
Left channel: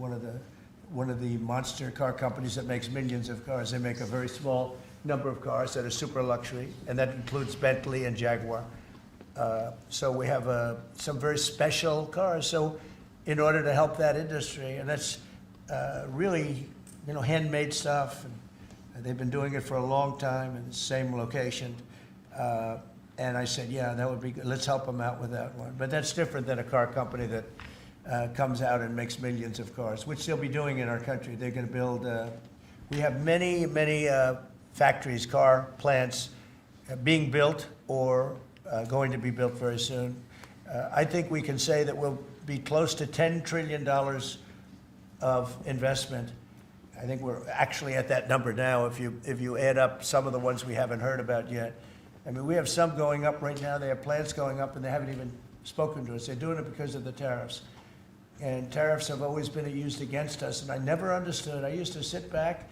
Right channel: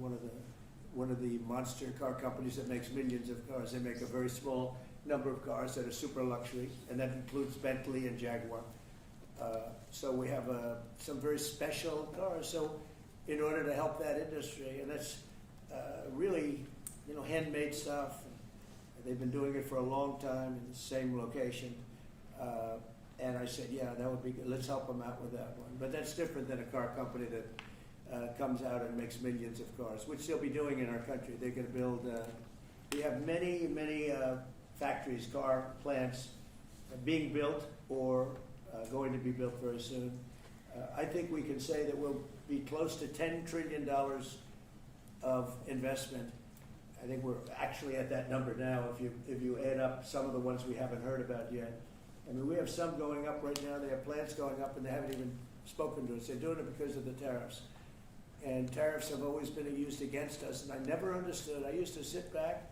one of the monster car companies that makes millions of cars. They make a very small number of cars that are super luxury, and that includes Bentley and Jaguar. So we have some very special cars. So in order to help that industry, and that's really, you know, handmade stuff, and they've been doing it for a long time in the same location. And I said, yeah, that would be good. Let's help them out with that one. But that's different than a car company that comes out and makes millions of cars, which they'll be doing in our country. They're going to build, we have many factories, car plants being built or going to be built very soon. I think we can say that we'll be close to $10 trillion of investment. I think we're actually at that number now if you add up some of the ones we haven't heard about yet. I mean, we have some going up right now. They have plants going up, and they haven't even spoken to us. They're doing it because of the tariffs. And tariffs have always been used against us, and I never understood. I used to sit back.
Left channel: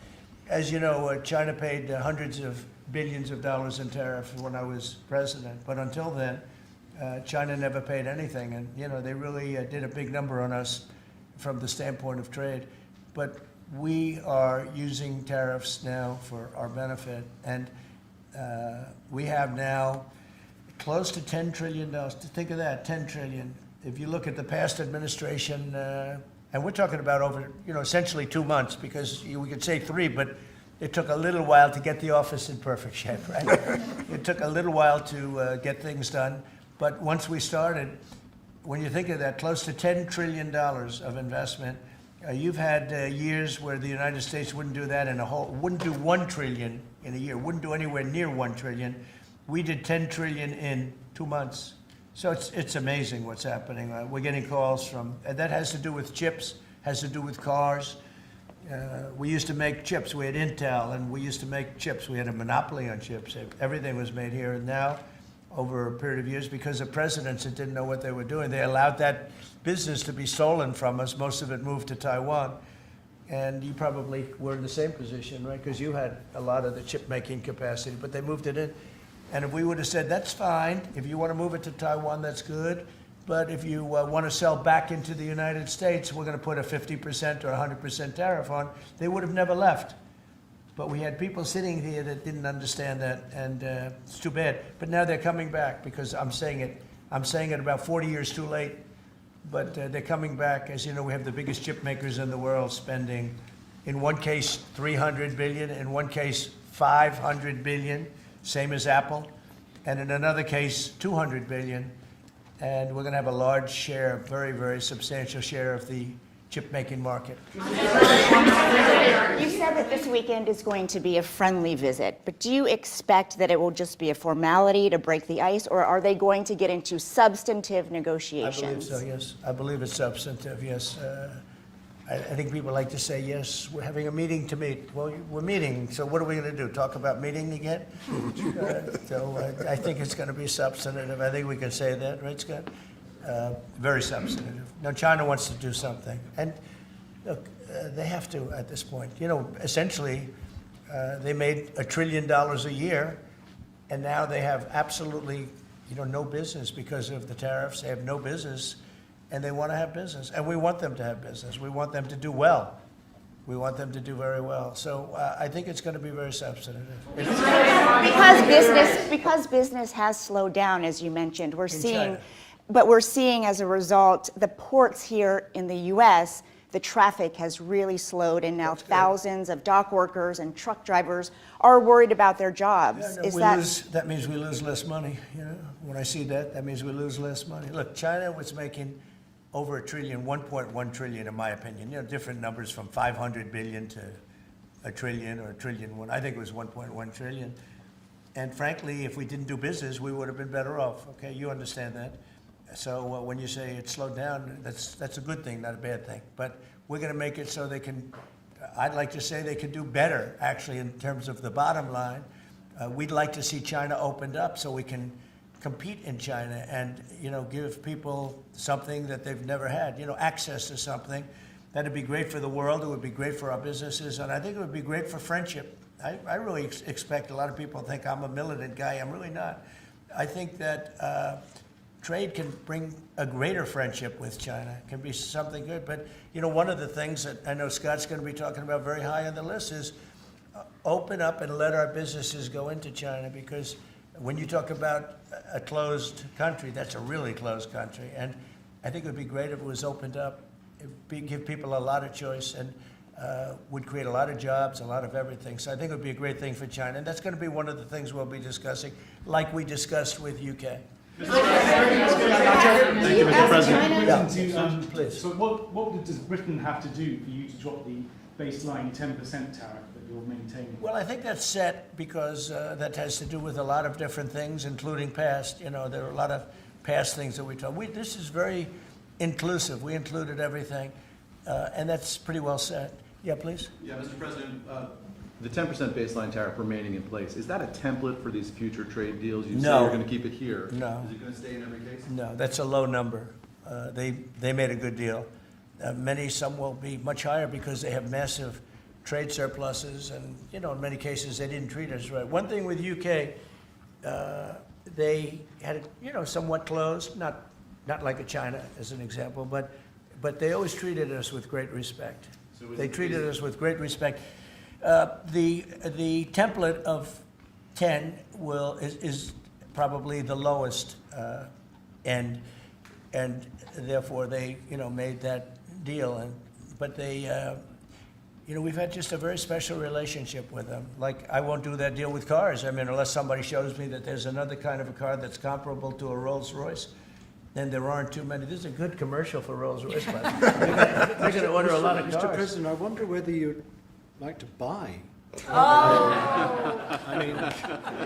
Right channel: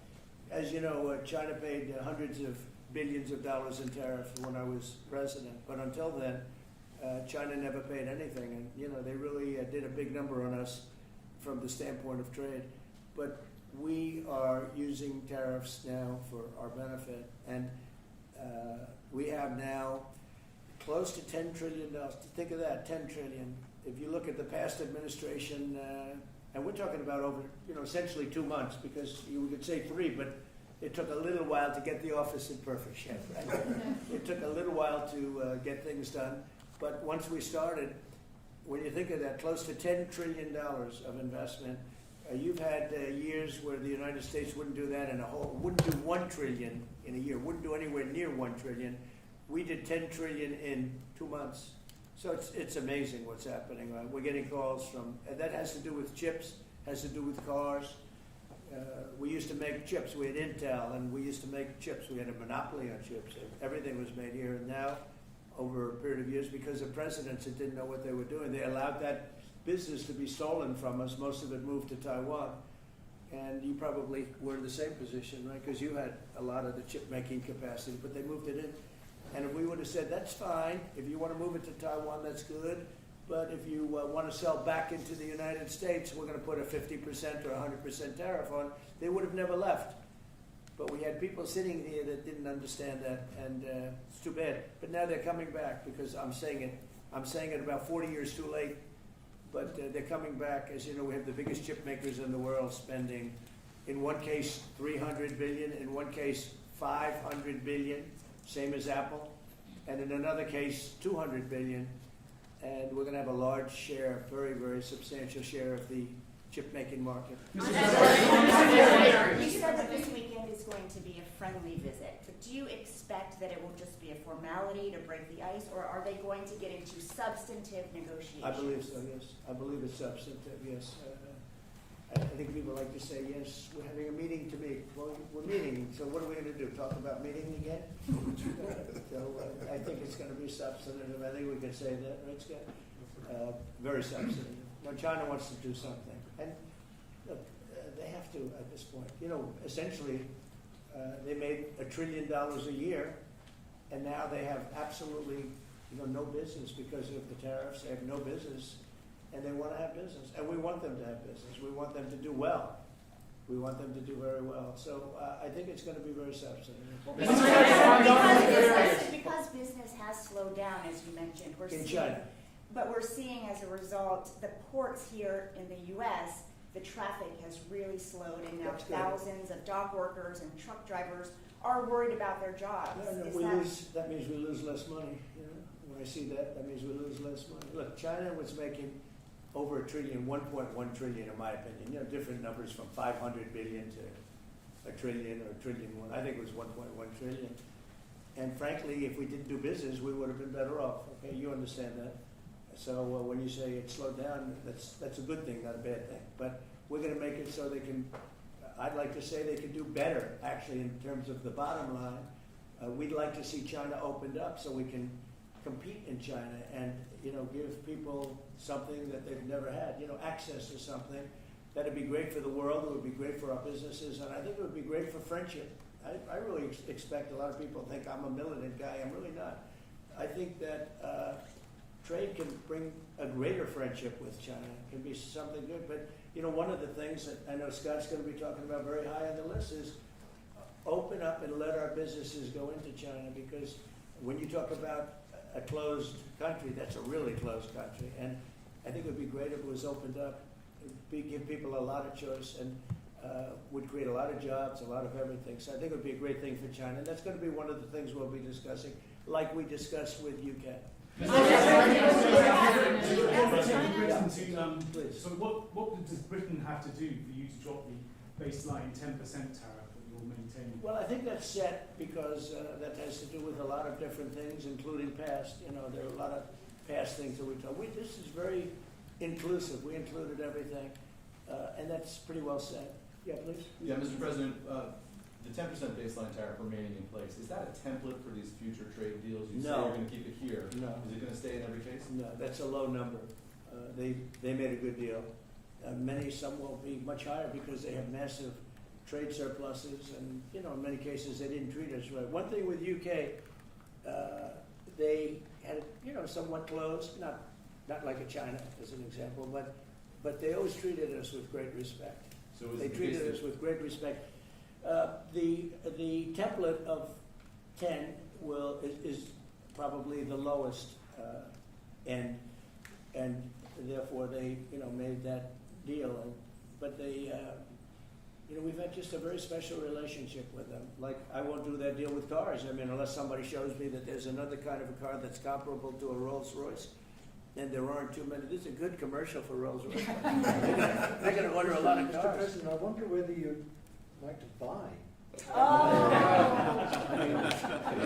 As you know, China paid hundreds of billions of dollars in tariffs when I was president. But until then, China never paid anything. And, you know, they really did a big number on us from the standpoint of trade. But we are using tariffs now for our benefit. And we have now close to $10 trillion. Think of that, $10 trillion. If you look at the past administration, and we're talking about over, you know, essentially 2 months, because we could say 3, but it took a little while to get the office in perfect shape, right? It took a little while to get things done. But once we started, when you think of that, close to $10 trillion of investment, you've had years where the United States wouldn't do that wouldn't do $1 trillion in a year, wouldn't do anywhere near $1 trillion. We did $10 trillion in 2 months. So it's amazing what's happening. We're getting calls from, and that has to do with chips, has to do with cars. We used to make chips. We had Intel, and we used to make chips. We had a monopoly on chips. Everything was made here. And now, over a period of years, because of presidents that didn't know what they were doing, they allowed that business to be stolen from us. Most of it moved to Taiwan. And you probably were in the same position, right? Because you had a lot of the chip-making capacity, but they moved it in. And if we would have said, that's fine, if you want to move it to Taiwan, that's good, but if you want to sell back into the United States, we're going to put a 50% or 100% tariff on, they would have never left. But we had people sitting here that didn't understand that, and it's too bad. But now they're coming back, because I'm saying it about 40 years too late, but they're coming back. As you know, we have the biggest chip makers in the world spending, in one case, $300 billion, in one case, $500 billion. Same as Apple, and in another case, $200 billion, and we're going to have a large share, a very, very substantial share of the chip-making market. You said that this weekend is going to be a friendly visit, but do you expect that it will just be a formality to break the ice, or are they going to get into substantive negotiations? I believe so, yes. I believe it's substantive, yes. I think people like to say, yes, we're having a meeting to meet. Well, we're meeting, so what are we going to do, talk about meeting again? I think it's going to be substantive. I think we can say that, right, Scott? Very substantive. Now, China wants to do something. And look, they have to at this point. You know, essentially, they made $1 trillion a year, and now they have absolutely, you know, no business because of the tariffs. They have no business. And they want to have business, and we want them to have business. We want them to do well. We want them to do very well. So I think it's going to be very substantive. Because business has slowed down, as you mentioned, we're seeing China. But we're seeing as a result the ports here in the U.S. the traffic has really slowed, and now thousands of dock workers and truck drivers are worried about their jobs. Yeah, no, Is that that means we lose less money, you know? When I see that, that means we lose less money. Look, China was making over $1 trillion, 1.1 trillion in my opinion. You know, different numbers from 500 billion to $1 trillion or $1 trillion. I think it was 1.1 trillion. And frankly, if we didn't do business, we would have been better off. Okay, you understand that. So when you say it slowed down, that's a good thing, not a bad thing. But we're going to make it so they can. I'd like to say they could do better, actually, in terms of the bottom line. We'd like to see China opened up so we can compete in China and, you know, give people something that they've never had, you know, access to something. That'd be great for the world. It would be great for our businesses, and I think it would be great for friendship. I really expect a lot of people think I'm a militant guy. I'm really not. I think that trade can bring a greater friendship with China. It can be something good. But, you know, one of the things that I know Scott's going to be talking about very high on the list is open up and let our businesses go into China, because when you talk about a closed country, that's a really closed country. And I think it would be great if it was opened up. It'd give people a lot of choice and would create a lot of jobs, a lot of everything. So I think it would be a great thing for China. And that's going to be one of the things we'll be discussing, like we discussed with UK. Thank you, Mr. President. Yeah. Please. So what does Britain have to do for you to drop the baseline 10% tariff that you're maintaining? Well, I think that's set because that has to do with a lot of different things, including past. You know, there are a lot of past things that we talk. This is very inclusive. We included everything, and that's pretty well set. Yeah, please. Yeah, Mr. President, the 10% baseline tariff remaining in place, is that a template for these future trade deals? You say No. you're going to keep it here. No. Is it going to stay in every case? No, that's a low number. They made a good deal. Some will be much higher because they have massive trade surpluses, and, you know, in many cases they didn't treat us right. One thing with UK, they had it, you know, somewhat closed, not like a China as an example, but they always treated us with great respect. So They treated us with great respect. The template of 10 is probably the lowest end, and therefore they, you know, made that deal. But they, you know, we've had just a very special relationship with them. Like, I won't do that deal with cars. I mean, unless somebody shows me that there's another kind of a car that's comparable to a Rolls Royce. And there aren't too many. This is a good commercial for Rolls Royce. They're going to order a lot of cars. Mr. President, I wonder whether you'd like to buy.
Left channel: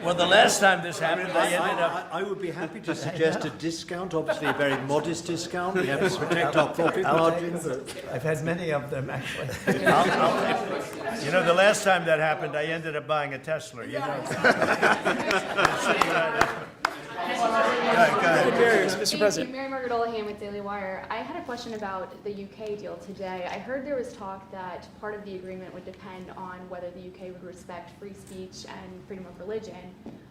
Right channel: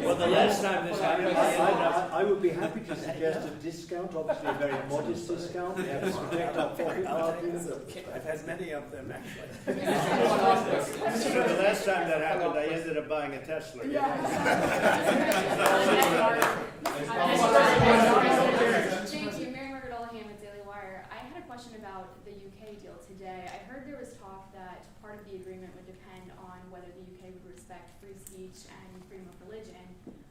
Well, the last time this happened, I ended up. I would be happy to suggest a discount, obviously a very modest discount. We have to protect our profit margin. I've had many of them, actually. You know, the last time that happened, I ended up buying a Tesla. You know? Mr. President. Mary Margaret Olahan with Daily Wire. I had a question about the UK deal today. I heard there was talk that part of the agreement would depend on whether the UK would respect free speech and freedom of religion.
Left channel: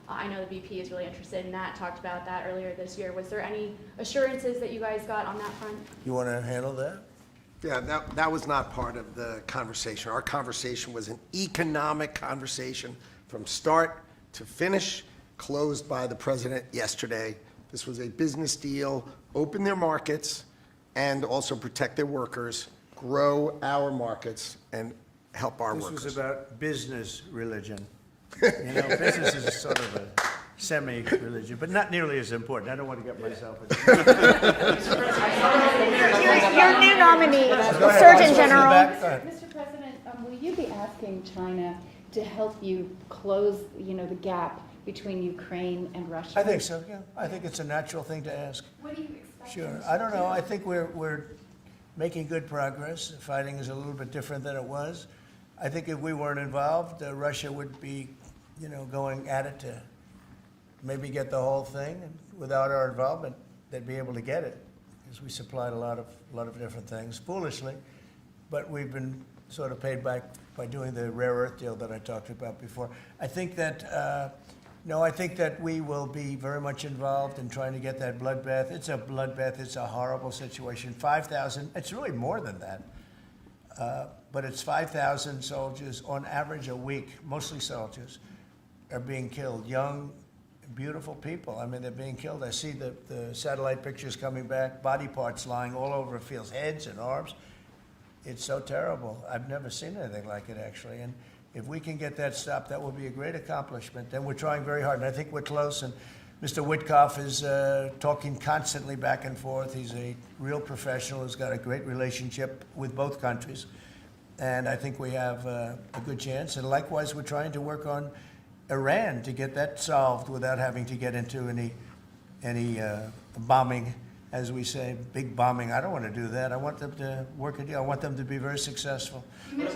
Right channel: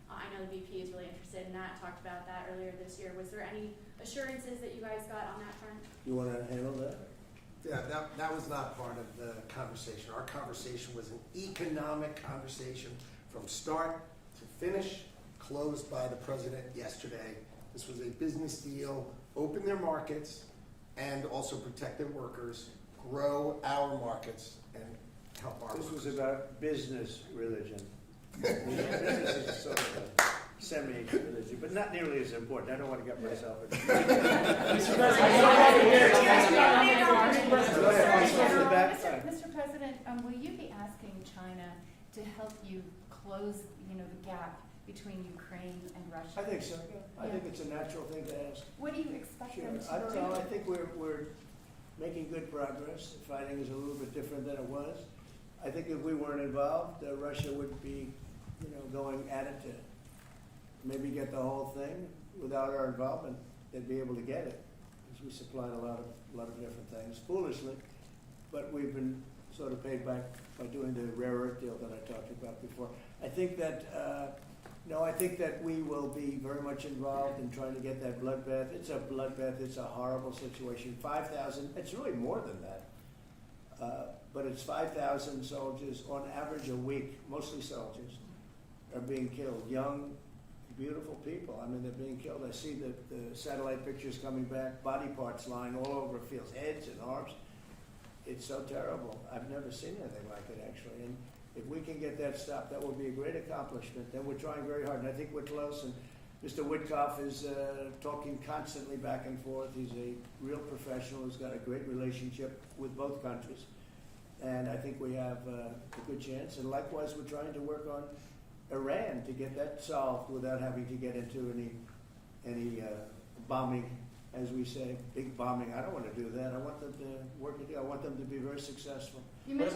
I know the VP is really interested in that, talked about that earlier this year. Was there any assurances that you guys got on that front? You want to handle that? Yeah, that was not part of the conversation. Our conversation was an economic conversation from start to finish, closed by the president yesterday. This was a business deal, open their markets, and also protect their workers, grow our markets, and help our workers. This was about business religion. You know, business is sort of a semi-religion, but not nearly as important. I don't want to get myself. Your new nominee, Surgeon General. Mr. President, will you be asking China to help you close, you know, the gap between Ukraine and Russia? I think so, yeah. I think it's a natural thing to ask. What do you expect? Sure. I don't know. I think we're making good progress. The fighting is a little bit different than it was. I think if we weren't involved, Russia would be, you know, going at it to maybe get the whole thing. And without our involvement, they'd be able to get it, because we supplied a lot of different things, foolishly. But we've been sort of paid back by doing the rare earth deal that I talked about before. I think that, I think that we will be very much involved in trying to get that bloodbath. It's a bloodbath. It's a horrible situation. 5,000, it's really more than that. But it's 5,000 soldiers on average a week, mostly soldiers, are being killed. Young, beautiful people. I mean, they're being killed. I see the satellite pictures coming back, body parts lying all over fields, heads and arms. it's so terrible. I've never seen anything like it, actually. And if we can get that stopped, that will be a great accomplishment. And we're trying very hard, and I think we're close. And Mr. Witkoff is talking constantly back and forth. He's a real professional. He's got a great relationship with both countries. And I think we have a good chance. And likewise, we're trying to work on Iran to get that solved without having to get into any bombing, as we say, big bombing. I don't want to do that. I want them to work a deal. I want them to be very successful. Your new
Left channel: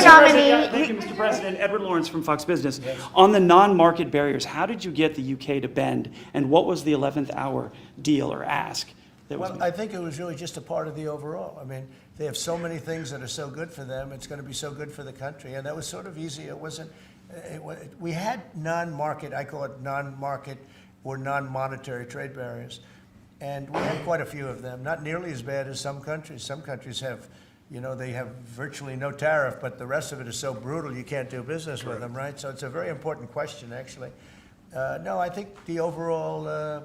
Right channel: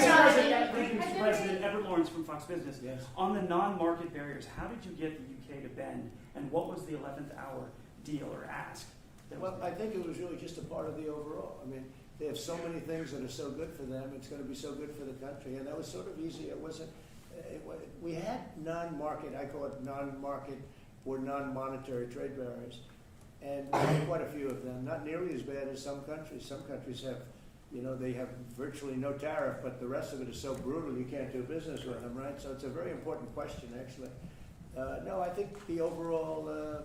nominee. Thank you, Mr. President. Edward Lawrence from Fox Business. On the non-market barriers, how did you get the UK to bend, and what was the 11th hour deal or ask that was Well, made? I think it was really just a part of the overall. I mean, they have so many things that are so good for them. It's going to be so good for the country, and that was sort of easy. It wasn't. We had non-market. I call it non-market or non-monetary trade barriers, and we had quite a few of them. Not nearly as bad as some countries. Some countries have, they have virtually no tariff, but the rest of it is so brutal you can't do business with them, right? So it's a very important question, actually. No, I think the overall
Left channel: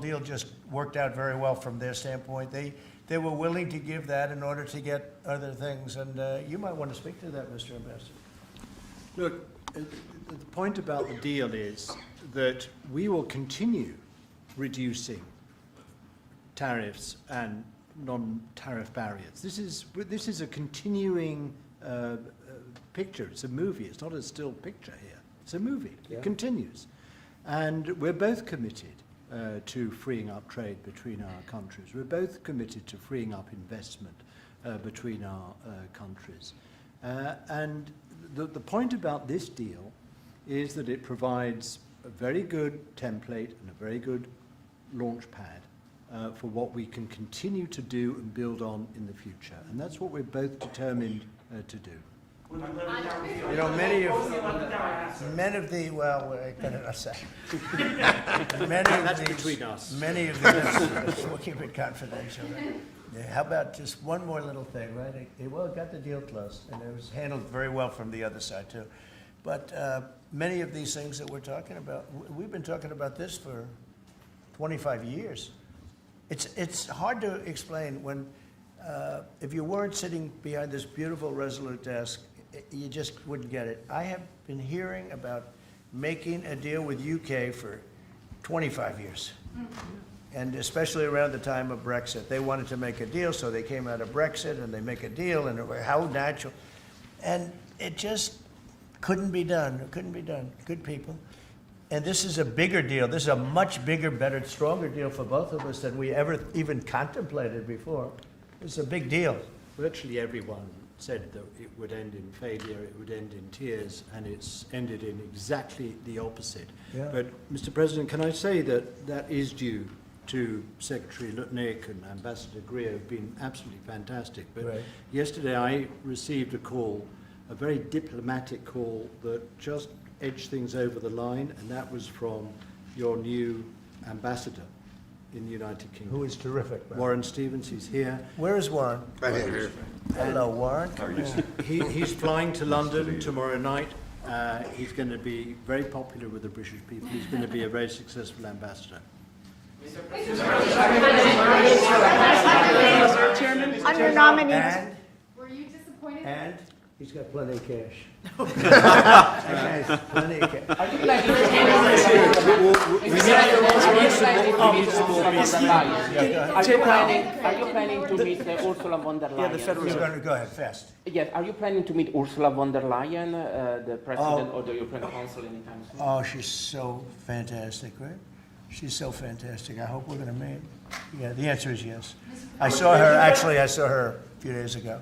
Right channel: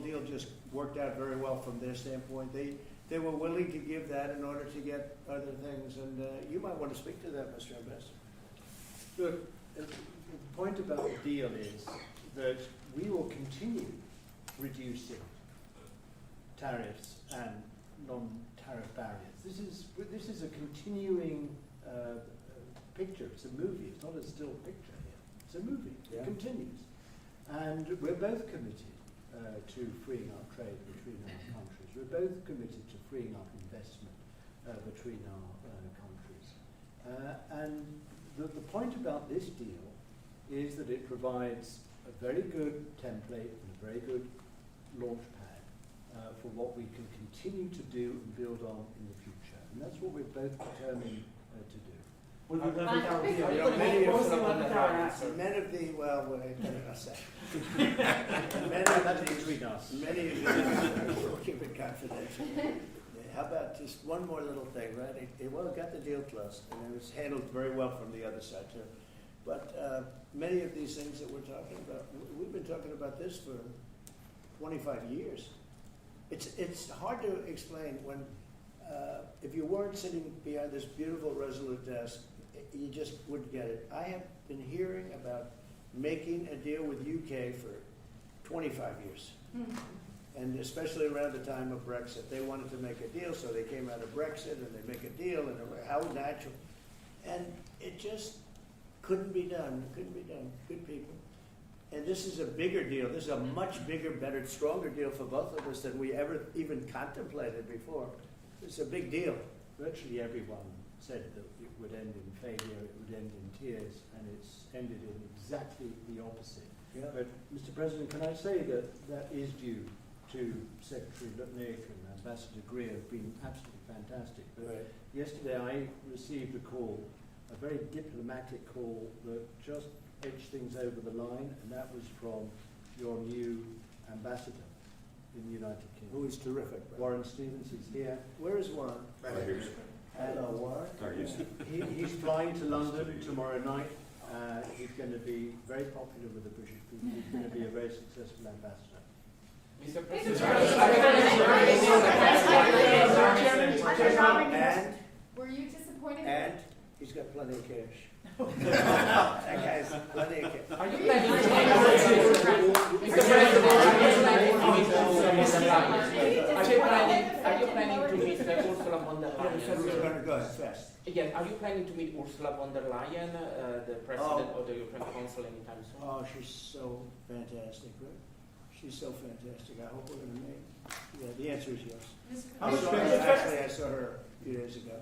deal just worked out very well from their standpoint. They were willing to give that in order to get other things, and you might want to speak to that, Mr. Ambassador. Look, the point about the deal is that we will continue reducing tariffs and non-tariff barriers. This is a continuing picture. It's a movie. It's not a still picture here. It's a movie. Yeah. It continues. And we're both committed to freeing up trade between our countries. We're both committed to freeing up investment between our countries. And the point about this deal is that it provides a very good template and a very good launch pad for what we can continue to do and build on in the future. And that's what we're both determined to do. Many of the, well, I better not say. That's between us. Many of these, we'll keep it confidential. Right? Yeah, how about just one more little thing, right? It got the deal closed, and it was handled very well from the other side, too. But many of these things that we're talking about, we've been talking about this for 25 years. It's hard to explain when, if you weren't sitting behind this beautiful Resolute desk, you just wouldn't get it. I have been hearing about making a deal with UK for 25 years. Mm-hmm. And especially around the time of Brexit. They wanted to make a deal, so they came out of Brexit and they make a deal, and how natural. And it just couldn't be done. It couldn't be done. Good people. And this is a bigger deal. This is a much bigger, better, stronger deal for both of us than we ever even contemplated before. It's a big deal. Virtually everyone said that it would end in failure, it would end in tears, and it's ended in exactly the opposite. Yeah. But, Mr. President, can I say that that is due to Secretary Lutnick and Ambassador Greer, who've been absolutely fantastic. But right. Yesterday I received a call, a very diplomatic call that just edged things over the line, and that was from your new ambassador in the United Kingdom. Who is terrific. Right? Warren Stevens, he's here. Where is Warren? Right here. Hello, Warren. He's flying to London tomorrow night. He's going to be very popular with the British people. He's going to be a very successful ambassador. Under nominee. And, Were you disappointed? and he's got plenty of cash. Okay, plenty of cash. Are you planning to meet Ursula von der Leyen? Yeah, the federal. Go ahead, fast. Yes, are you planning to meet Ursula von der Leyen, the president of the European Council, anytime soon? Oh, she's so fantastic, right? She's so fantastic. I hope we're going to meet. Yeah, the answer is yes. I saw her a few days ago.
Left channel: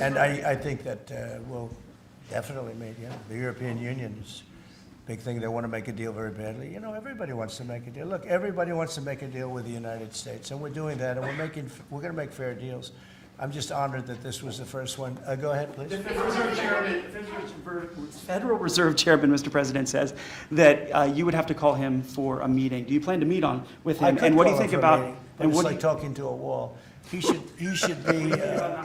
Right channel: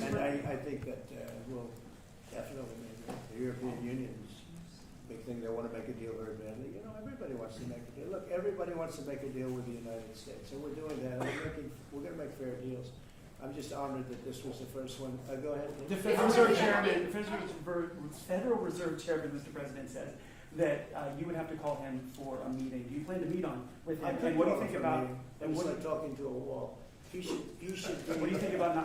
And I think that we'll definitely meet, yeah. The European Union is a big thing. They want to make a deal very badly. You know, everybody wants to make a deal. Look, everybody wants to make a deal with the United States, and we're doing that, and we're going to make fair deals. I'm just honored that this was the first one. Go ahead, please. The Federal Reserve Chairman, Mr. President, says that you would have to call him for a meeting. Do you plan to meet with him? And what do you think about? And it's like talking to a wall. He should be. The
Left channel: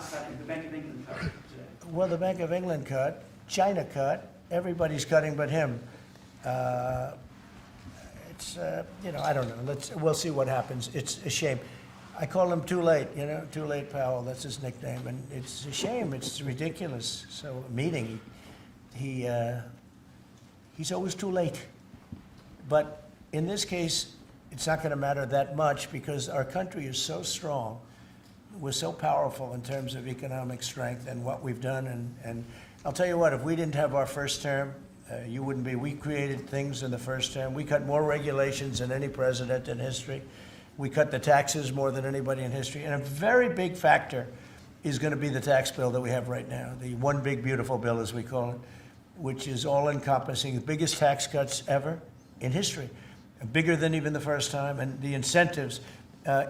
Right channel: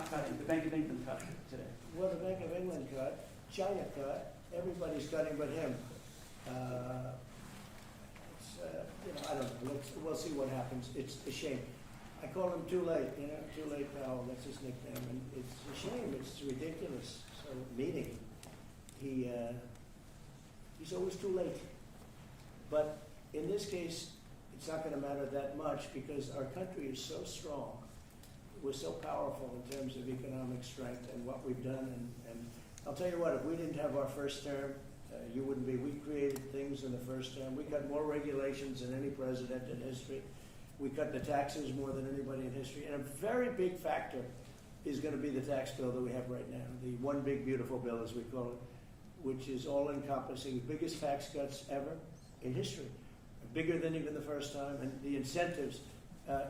Bank of England cut today. Well, the Bank of England cut, China cut, everybody's cutting but him. It's I don't know. We'll see what happens. It's a shame. I call him Too Late, you know, Too Late Powell, that's his nickname, and it's a shame, it's ridiculous. So, meeting, he's always too late. But in this case, it's not gonna matter that much because our country is so strong. We're so powerful in terms of economic strength and what we've done, and I'll tell you what, if we didn't have our first term, you wouldn't be. We created things in the first term. We cut more regulations than any president in history. We cut the taxes more than anybody in history. And a very big factor is going to be the tax bill that we have right now, the one big beautiful bill, as we call it, which is all-encompassing, the biggest tax cuts ever in history, bigger than even the first time, and the incentives,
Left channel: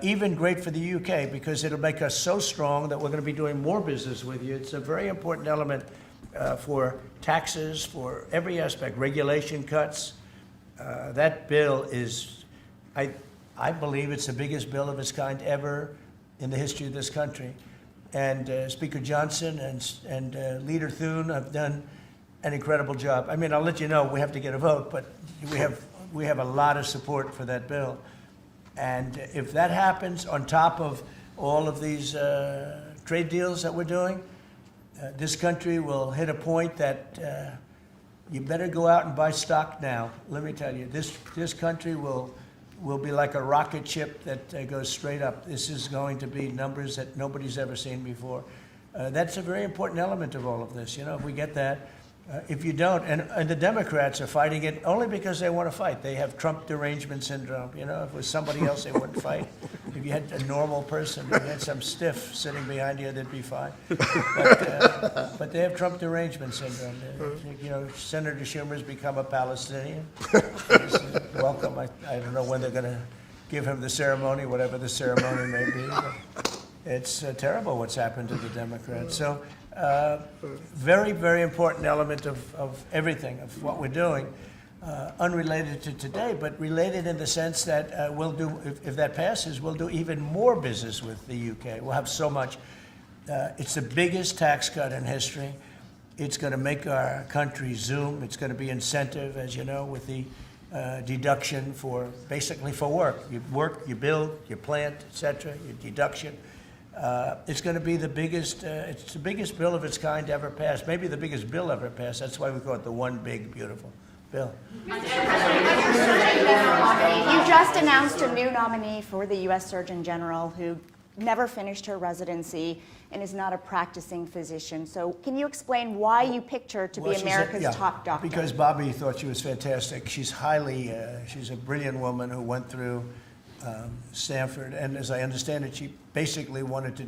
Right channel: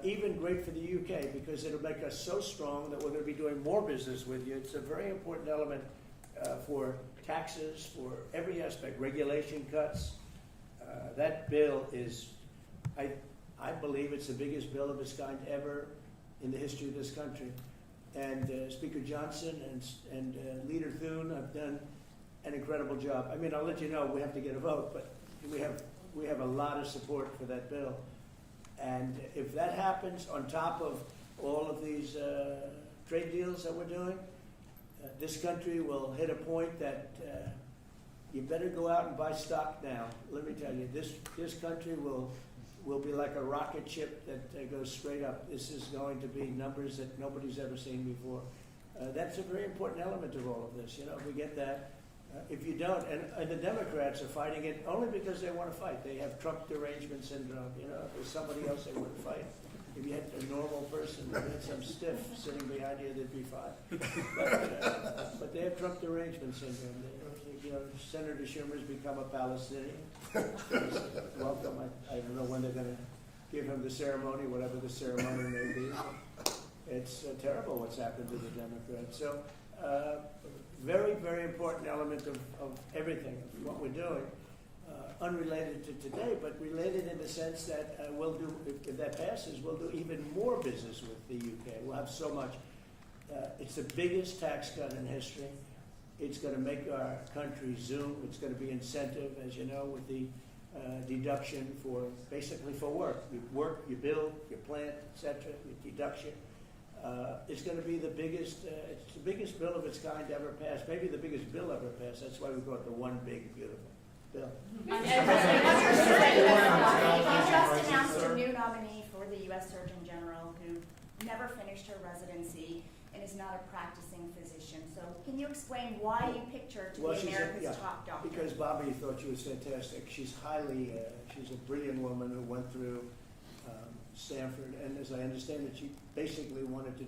even great for the UK because it'll make us so strong that we're going to be doing more business with you. It's a very important element for taxes, for every aspect, regulation cuts. That bill is, I believe it's the biggest bill of its kind ever in the history of this country. And Speaker Johnson and Leader Thune have done an incredible job. I mean, I'll let you know, we have to get a vote, but we have a lot of support for that bill. And if that happens on top of all of these trade deals that we're doing, this country will hit a point that you better go out and buy stock now. Let me tell you, this country will be like a rocket ship that goes straight up. This is going to be numbers that nobody's ever seen before. That's a very important element of all of this. You know, if we get that, if you don't, and the Democrats are fighting it only because they want to fight. They have Trump derangement syndrome. You know, if it was somebody else, they wouldn't fight. If you had a normal person, if you had some stiff sitting behind you, they'd be fine. But they have Trump derangement syndrome. You know, Senator Schumer's become a Palestinian. Welcome. I don't know when they're going to give him the ceremony, whatever the ceremony may be. It's terrible what's happened to the Democrats. So. Very, very important element of everything, of what we're doing, unrelated to today, but related in the sense that we'll do, if that passes, we'll do even more business with the UK. We'll have so much. It's the biggest tax cut in history. It's going to make our country zoom. It's going to be incentive, as you know, with the deduction for, basically for work. You work, you build, you plant, etc., your deduction. It's going to be the biggest, it's the biggest bill of its kind ever passed, maybe the biggest bill ever passed. That's why we call it the one big, beautiful bill. You just announced a new nominee for the U.S. Surgeon General who never finished her residency and is not a practicing physician. So can you explain why you picked her to be America's top doctor? Because Bobby thought she was fantastic. She's highly, she's a brilliant woman who went through Stanford, and as I understand it, she basically wanted to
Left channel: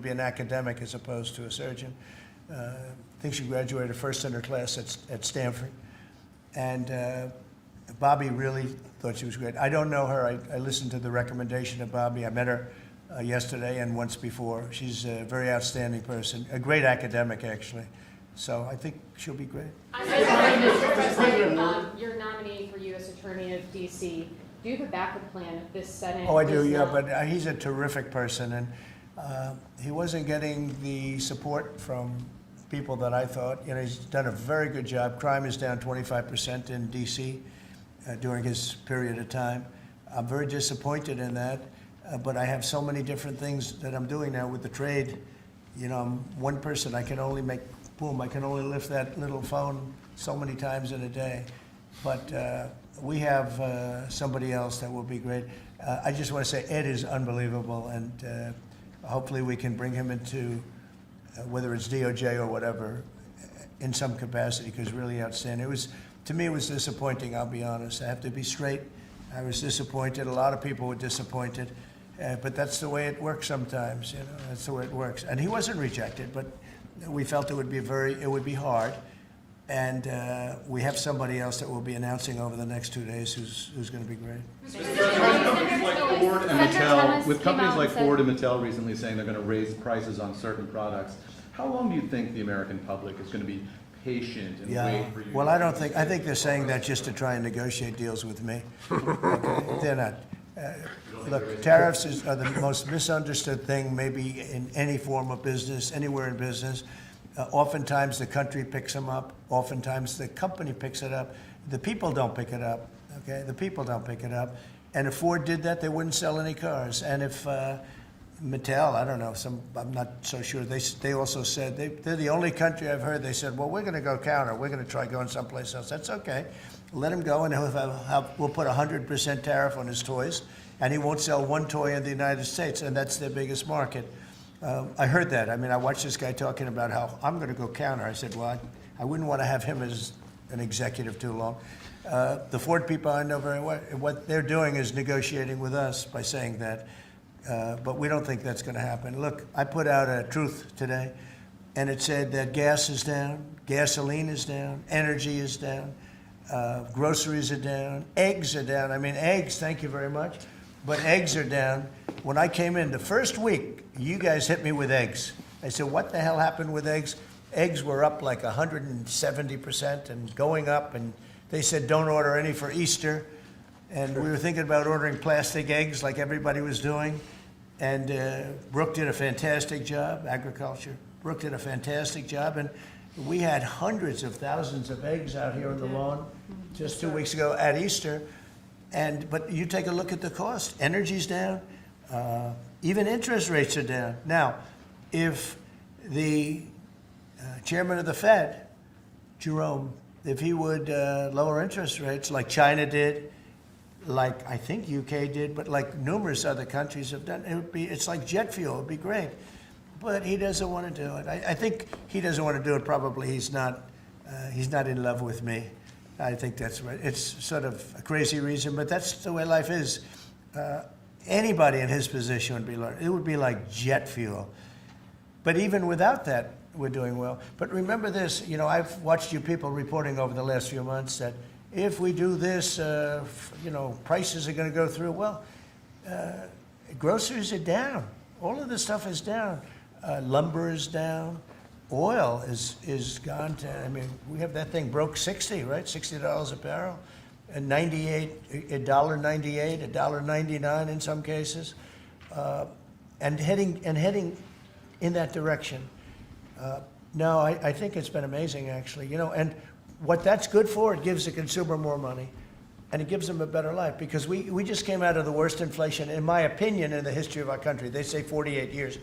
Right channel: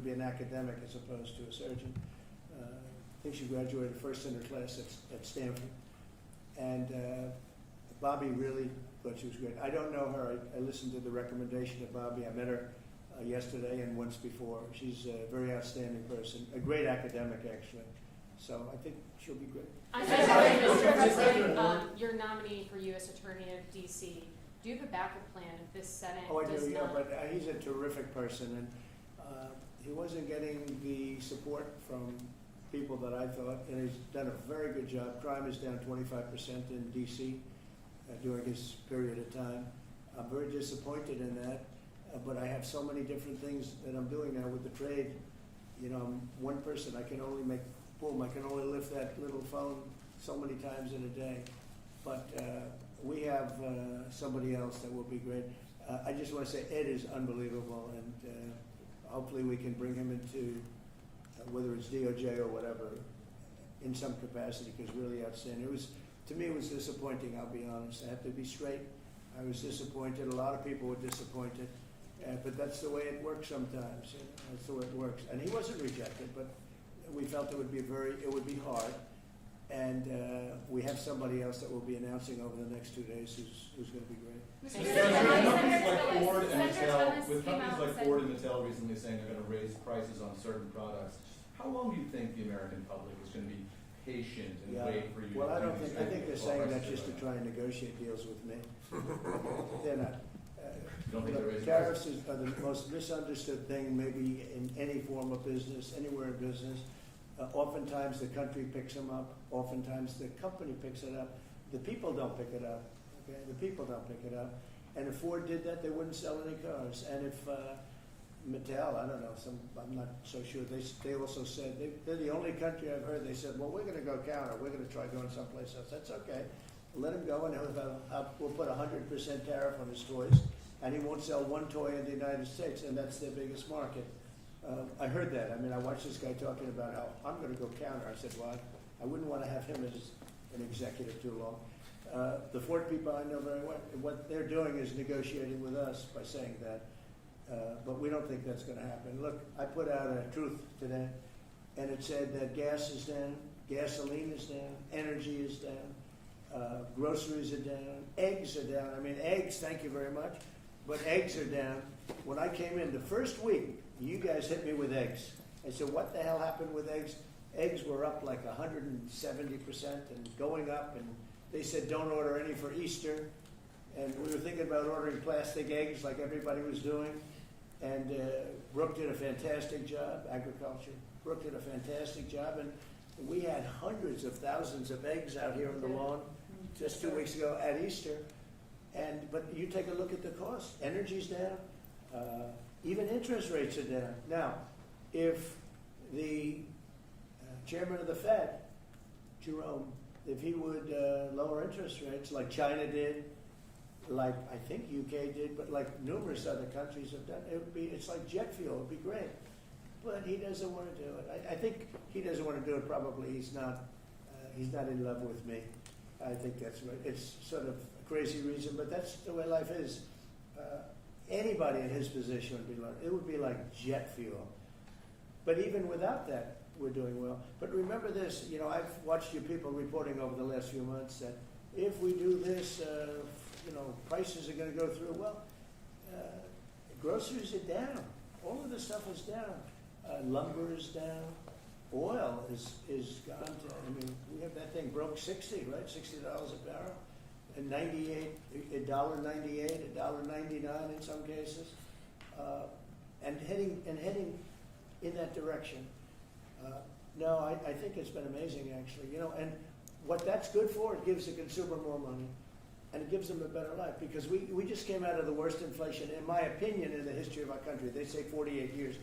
be an academic as opposed to a surgeon. I think she graduated first in her class at Stanford, and Bobby really thought she was great. I don't know her. I listened to the recommendation of Bobby. I met her yesterday and once before. She's a very outstanding person, a great academic, actually. So I think she'll be great. Mr. President, your nominee for U.S. Attorney of D.C., do you have a backup plan if this Senate? Oh, I do, yeah, but he's a terrific person, and he wasn't getting the support from people that I thought. You know, he's done a very good job. Crime is down 25% in D.C. During his period of time. I'm very disappointed in that, but I have so many different things that I'm doing now with the trade. You know, I'm one person. I can only make, boom, I can only lift that little phone so many times in a day. But we have somebody else that will be great. I just want to say Ed is unbelievable, and hopefully we can bring him into, whether it's DOJ or whatever, in some capacity, because really outstanding. It was, to me, it was disappointing, I'll be honest. I have to be straight. I was disappointed. A lot of people were disappointed, but that's the way it works sometimes, you know, that's the way it works. And he wasn't rejected, but we felt it would be hard. And we have somebody else that we'll be announcing over the next 2 days who's going to be great. With companies like Ford and Mattel recently saying they're going to raise prices on certain products, how long do you think the American public is going to be patient and wait for you? Well, I think they're saying that just to try and negotiate deals with me. Okay? They're not. Look, tariffs are the most misunderstood thing maybe in any form of business, anywhere in business. Oftentimes the country picks them up. Oftentimes the company picks it up. The people don't pick it up. Okay, the people don't pick it up. And if Ford did that, they wouldn't sell any cars. And if Mattel, I don't know, I'm not so sure, they also said, they're the only country I've heard, they said, well, we're going to go counter. We're going to try going someplace else. That's okay. Let him go, and we'll put 100% tariff on his toys, and he won't sell one toy in the United States, and that's their biggest market. I heard that. I mean, I watched this guy talking about how I'm going to go counter. I said, well, I wouldn't want to have him as an executive too long. The Ford people I know very well, what they're doing is negotiating with us by saying that, but we don't think that's going to happen. Look, I put out a truth today, and it said that gas is down, gasoline is down, energy is down, groceries are down, eggs are down. I mean, eggs, thank you very much, but eggs are down. When I came in the first week, you guys hit me with eggs. I said, what the hell happened with eggs? Eggs were up like 170% and going up, and they said don't order any for Easter. And we were thinking about ordering plastic eggs like everybody was doing. And Brooke did a fantastic job, agriculture. Brooke did a fantastic job, and we had hundreds of thousands of eggs out here on the lawn just 2 weeks ago at Easter. But you take a look at the cost. Energy's down. Even interest rates are down. Now, if the chairman of the Fed, Jerome, if he would lower interest rates like China did, like I think UK did, but like numerous other countries have done, it's like jet fuel. It would be great. But he doesn't want to do it. I think he doesn't want to do it. Probably he's not in love with me. I think that's right. It's sort of a crazy reason, but that's the way life is. Anybody in his position would be like jet fuel. But even without that, we're doing well. But remember this, I've watched you people reporting over the last few months that if we do this, prices are going to go through. Well, groceries are down. All of this stuff is down. Lumber is down. Oil is gone to, we have that thing broke 60, right? $60 a barrel. And $1.98, $1.99 in some cases, and heading in that direction. No, I think it's been amazing, actually. And what that's good for, it gives the consumer more money, and it gives them a better life, because we just came out of the worst inflation, in my opinion, in the history of our country. They say 48 years.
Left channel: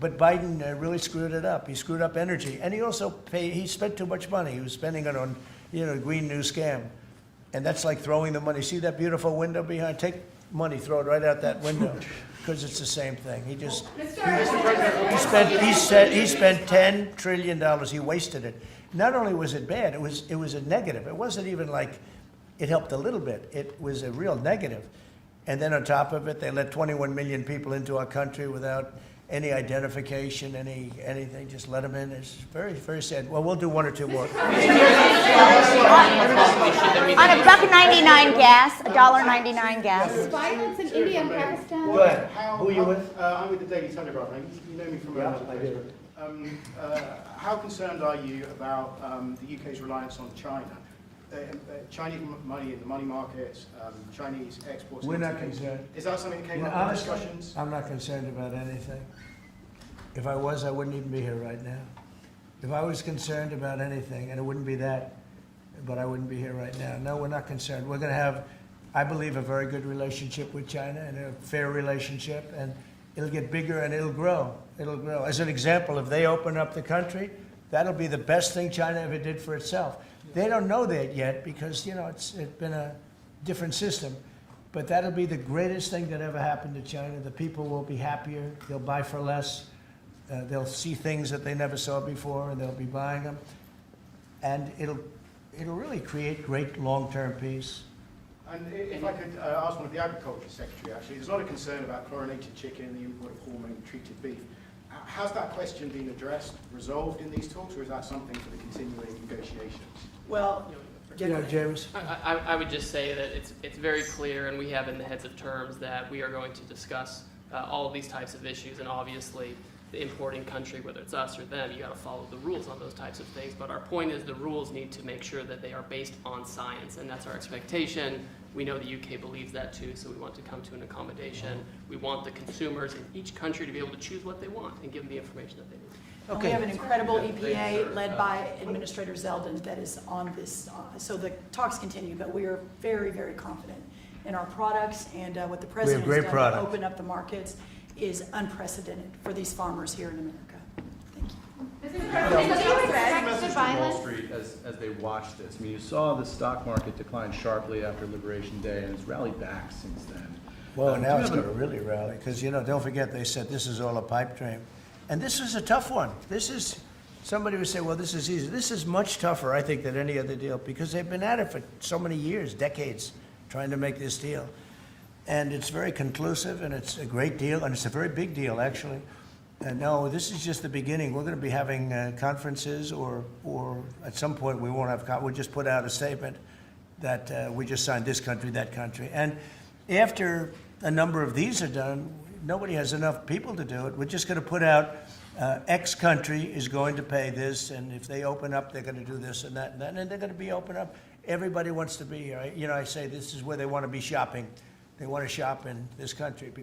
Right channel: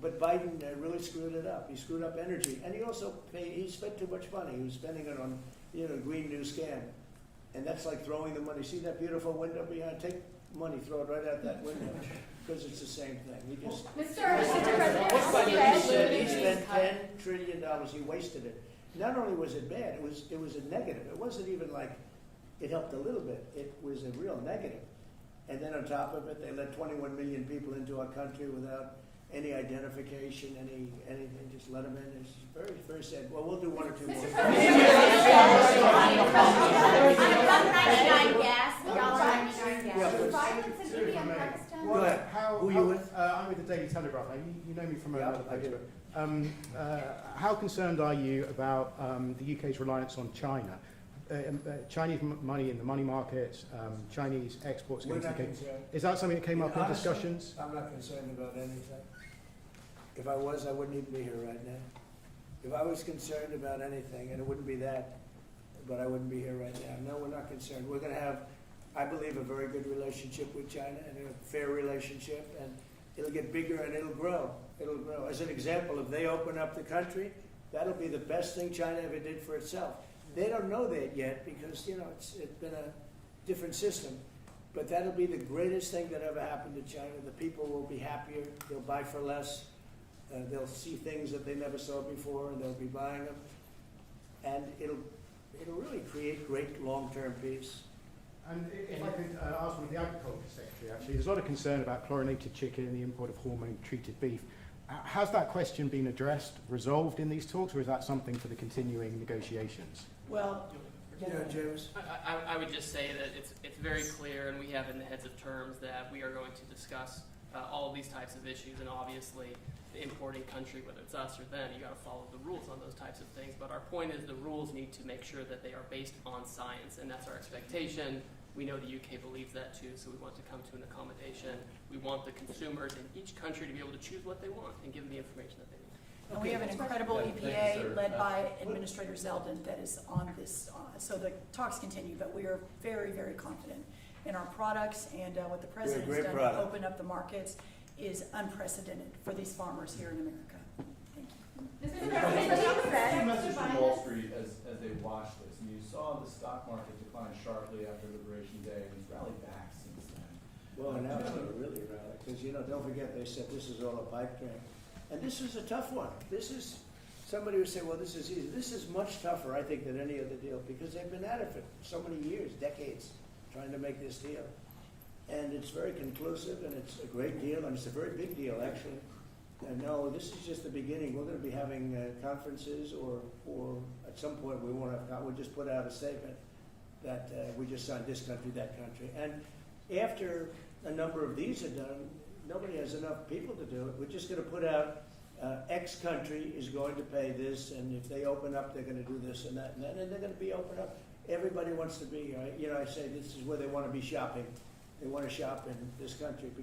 But Biden really screwed it up. He screwed up energy, and he spent too much money. He was spending it on, green new scam. And that's like throwing the money. See that beautiful window behind? Take money, throw it right out that window, because it's the same thing. He spent $10 trillion. He wasted it. Not only was it bad, it was a negative. It wasn't even like it helped a little bit. It was a real negative. And then on top of it, they let 21 million people into our country without any identification, anything, just let them in. It's very, very sad. Well, we'll do one or two more. On $1.99 gas, $1.99 gas. Violence in India and Pakistan. Go ahead. Who are you with? I'm with the Daily Telegraph. You know me from Yeah, I do. How concerned are you about the UK's reliance on China? Chinese money in the money markets, Chinese exports. We're not concerned. Is that something that came up in discussions? I'm not concerned about anything. If I was, I wouldn't even be here right now. If I was concerned about anything, and it wouldn't be that, but I wouldn't be here right now. No, we're not concerned. We're going to have, I believe, a very good relationship with China, and a fair relationship, and it'll get bigger and it'll grow. It'll grow. As an example, if they open up the country, that'll be the best thing China ever did for itself. They don't know that yet because, it's been a different system. But that'll be the greatest thing that ever happened to China. The people will be happier. They'll buy for less. They'll see things that they never saw before, and they'll be buying them. And it'll really create great long-term peace. And if I could ask one of the Agriculture Secretary, actually, there's a lot of concern about chlorinated chicken and the import of hormone-treated beef. Has that question been addressed, resolved in these talks, or is that something for the continuing negotiations? Well, James. I would just say that it's very clear, and we have in the heads of terms that we are going to discuss all of these types of issues, and obviously the importing country, whether it's us or them, you got to follow the rules on those types of things. But our point is the rules need to make sure that they are based on science, and that's our expectation. We know the UK believes that too, so we want to come to an accommodation. We want the consumers in each country to be able to choose what they want and give them the information that they need. We have an incredible EPA led by Administrator Zeldin that is on this. So the talks continue, but we are very, very confident in our products, and what the president great has done to product. open up the markets is unprecedented for these farmers here in America. Message to Wall Street as they watch this. I mean, you saw the stock market decline sharply after Liberation Day, and it's rallied back since then. Well, Do now you it's have going to really rally, because, don't forget, they said this is all a pipe dream. And this is a tough one. This is, somebody would say, well, this is easy. This is much tougher, I think, than any other deal, because they've been at it for so many years, decades, trying to make this deal. And it's very conclusive, and it's a great deal, and it's a very big deal, actually. And no, this is just the beginning. We're going to be having conferences, or at some point we won't have, we'll just put out a statement that we just signed this country, that country. And after a number of these are done, nobody has enough people to do it. We're just going to put out X country is going to pay this, and if they open up, they're going to do this and that and that, and they're going to be open up. Everybody wants to be here. I say this is where they want to be shopping. They want to shop in this country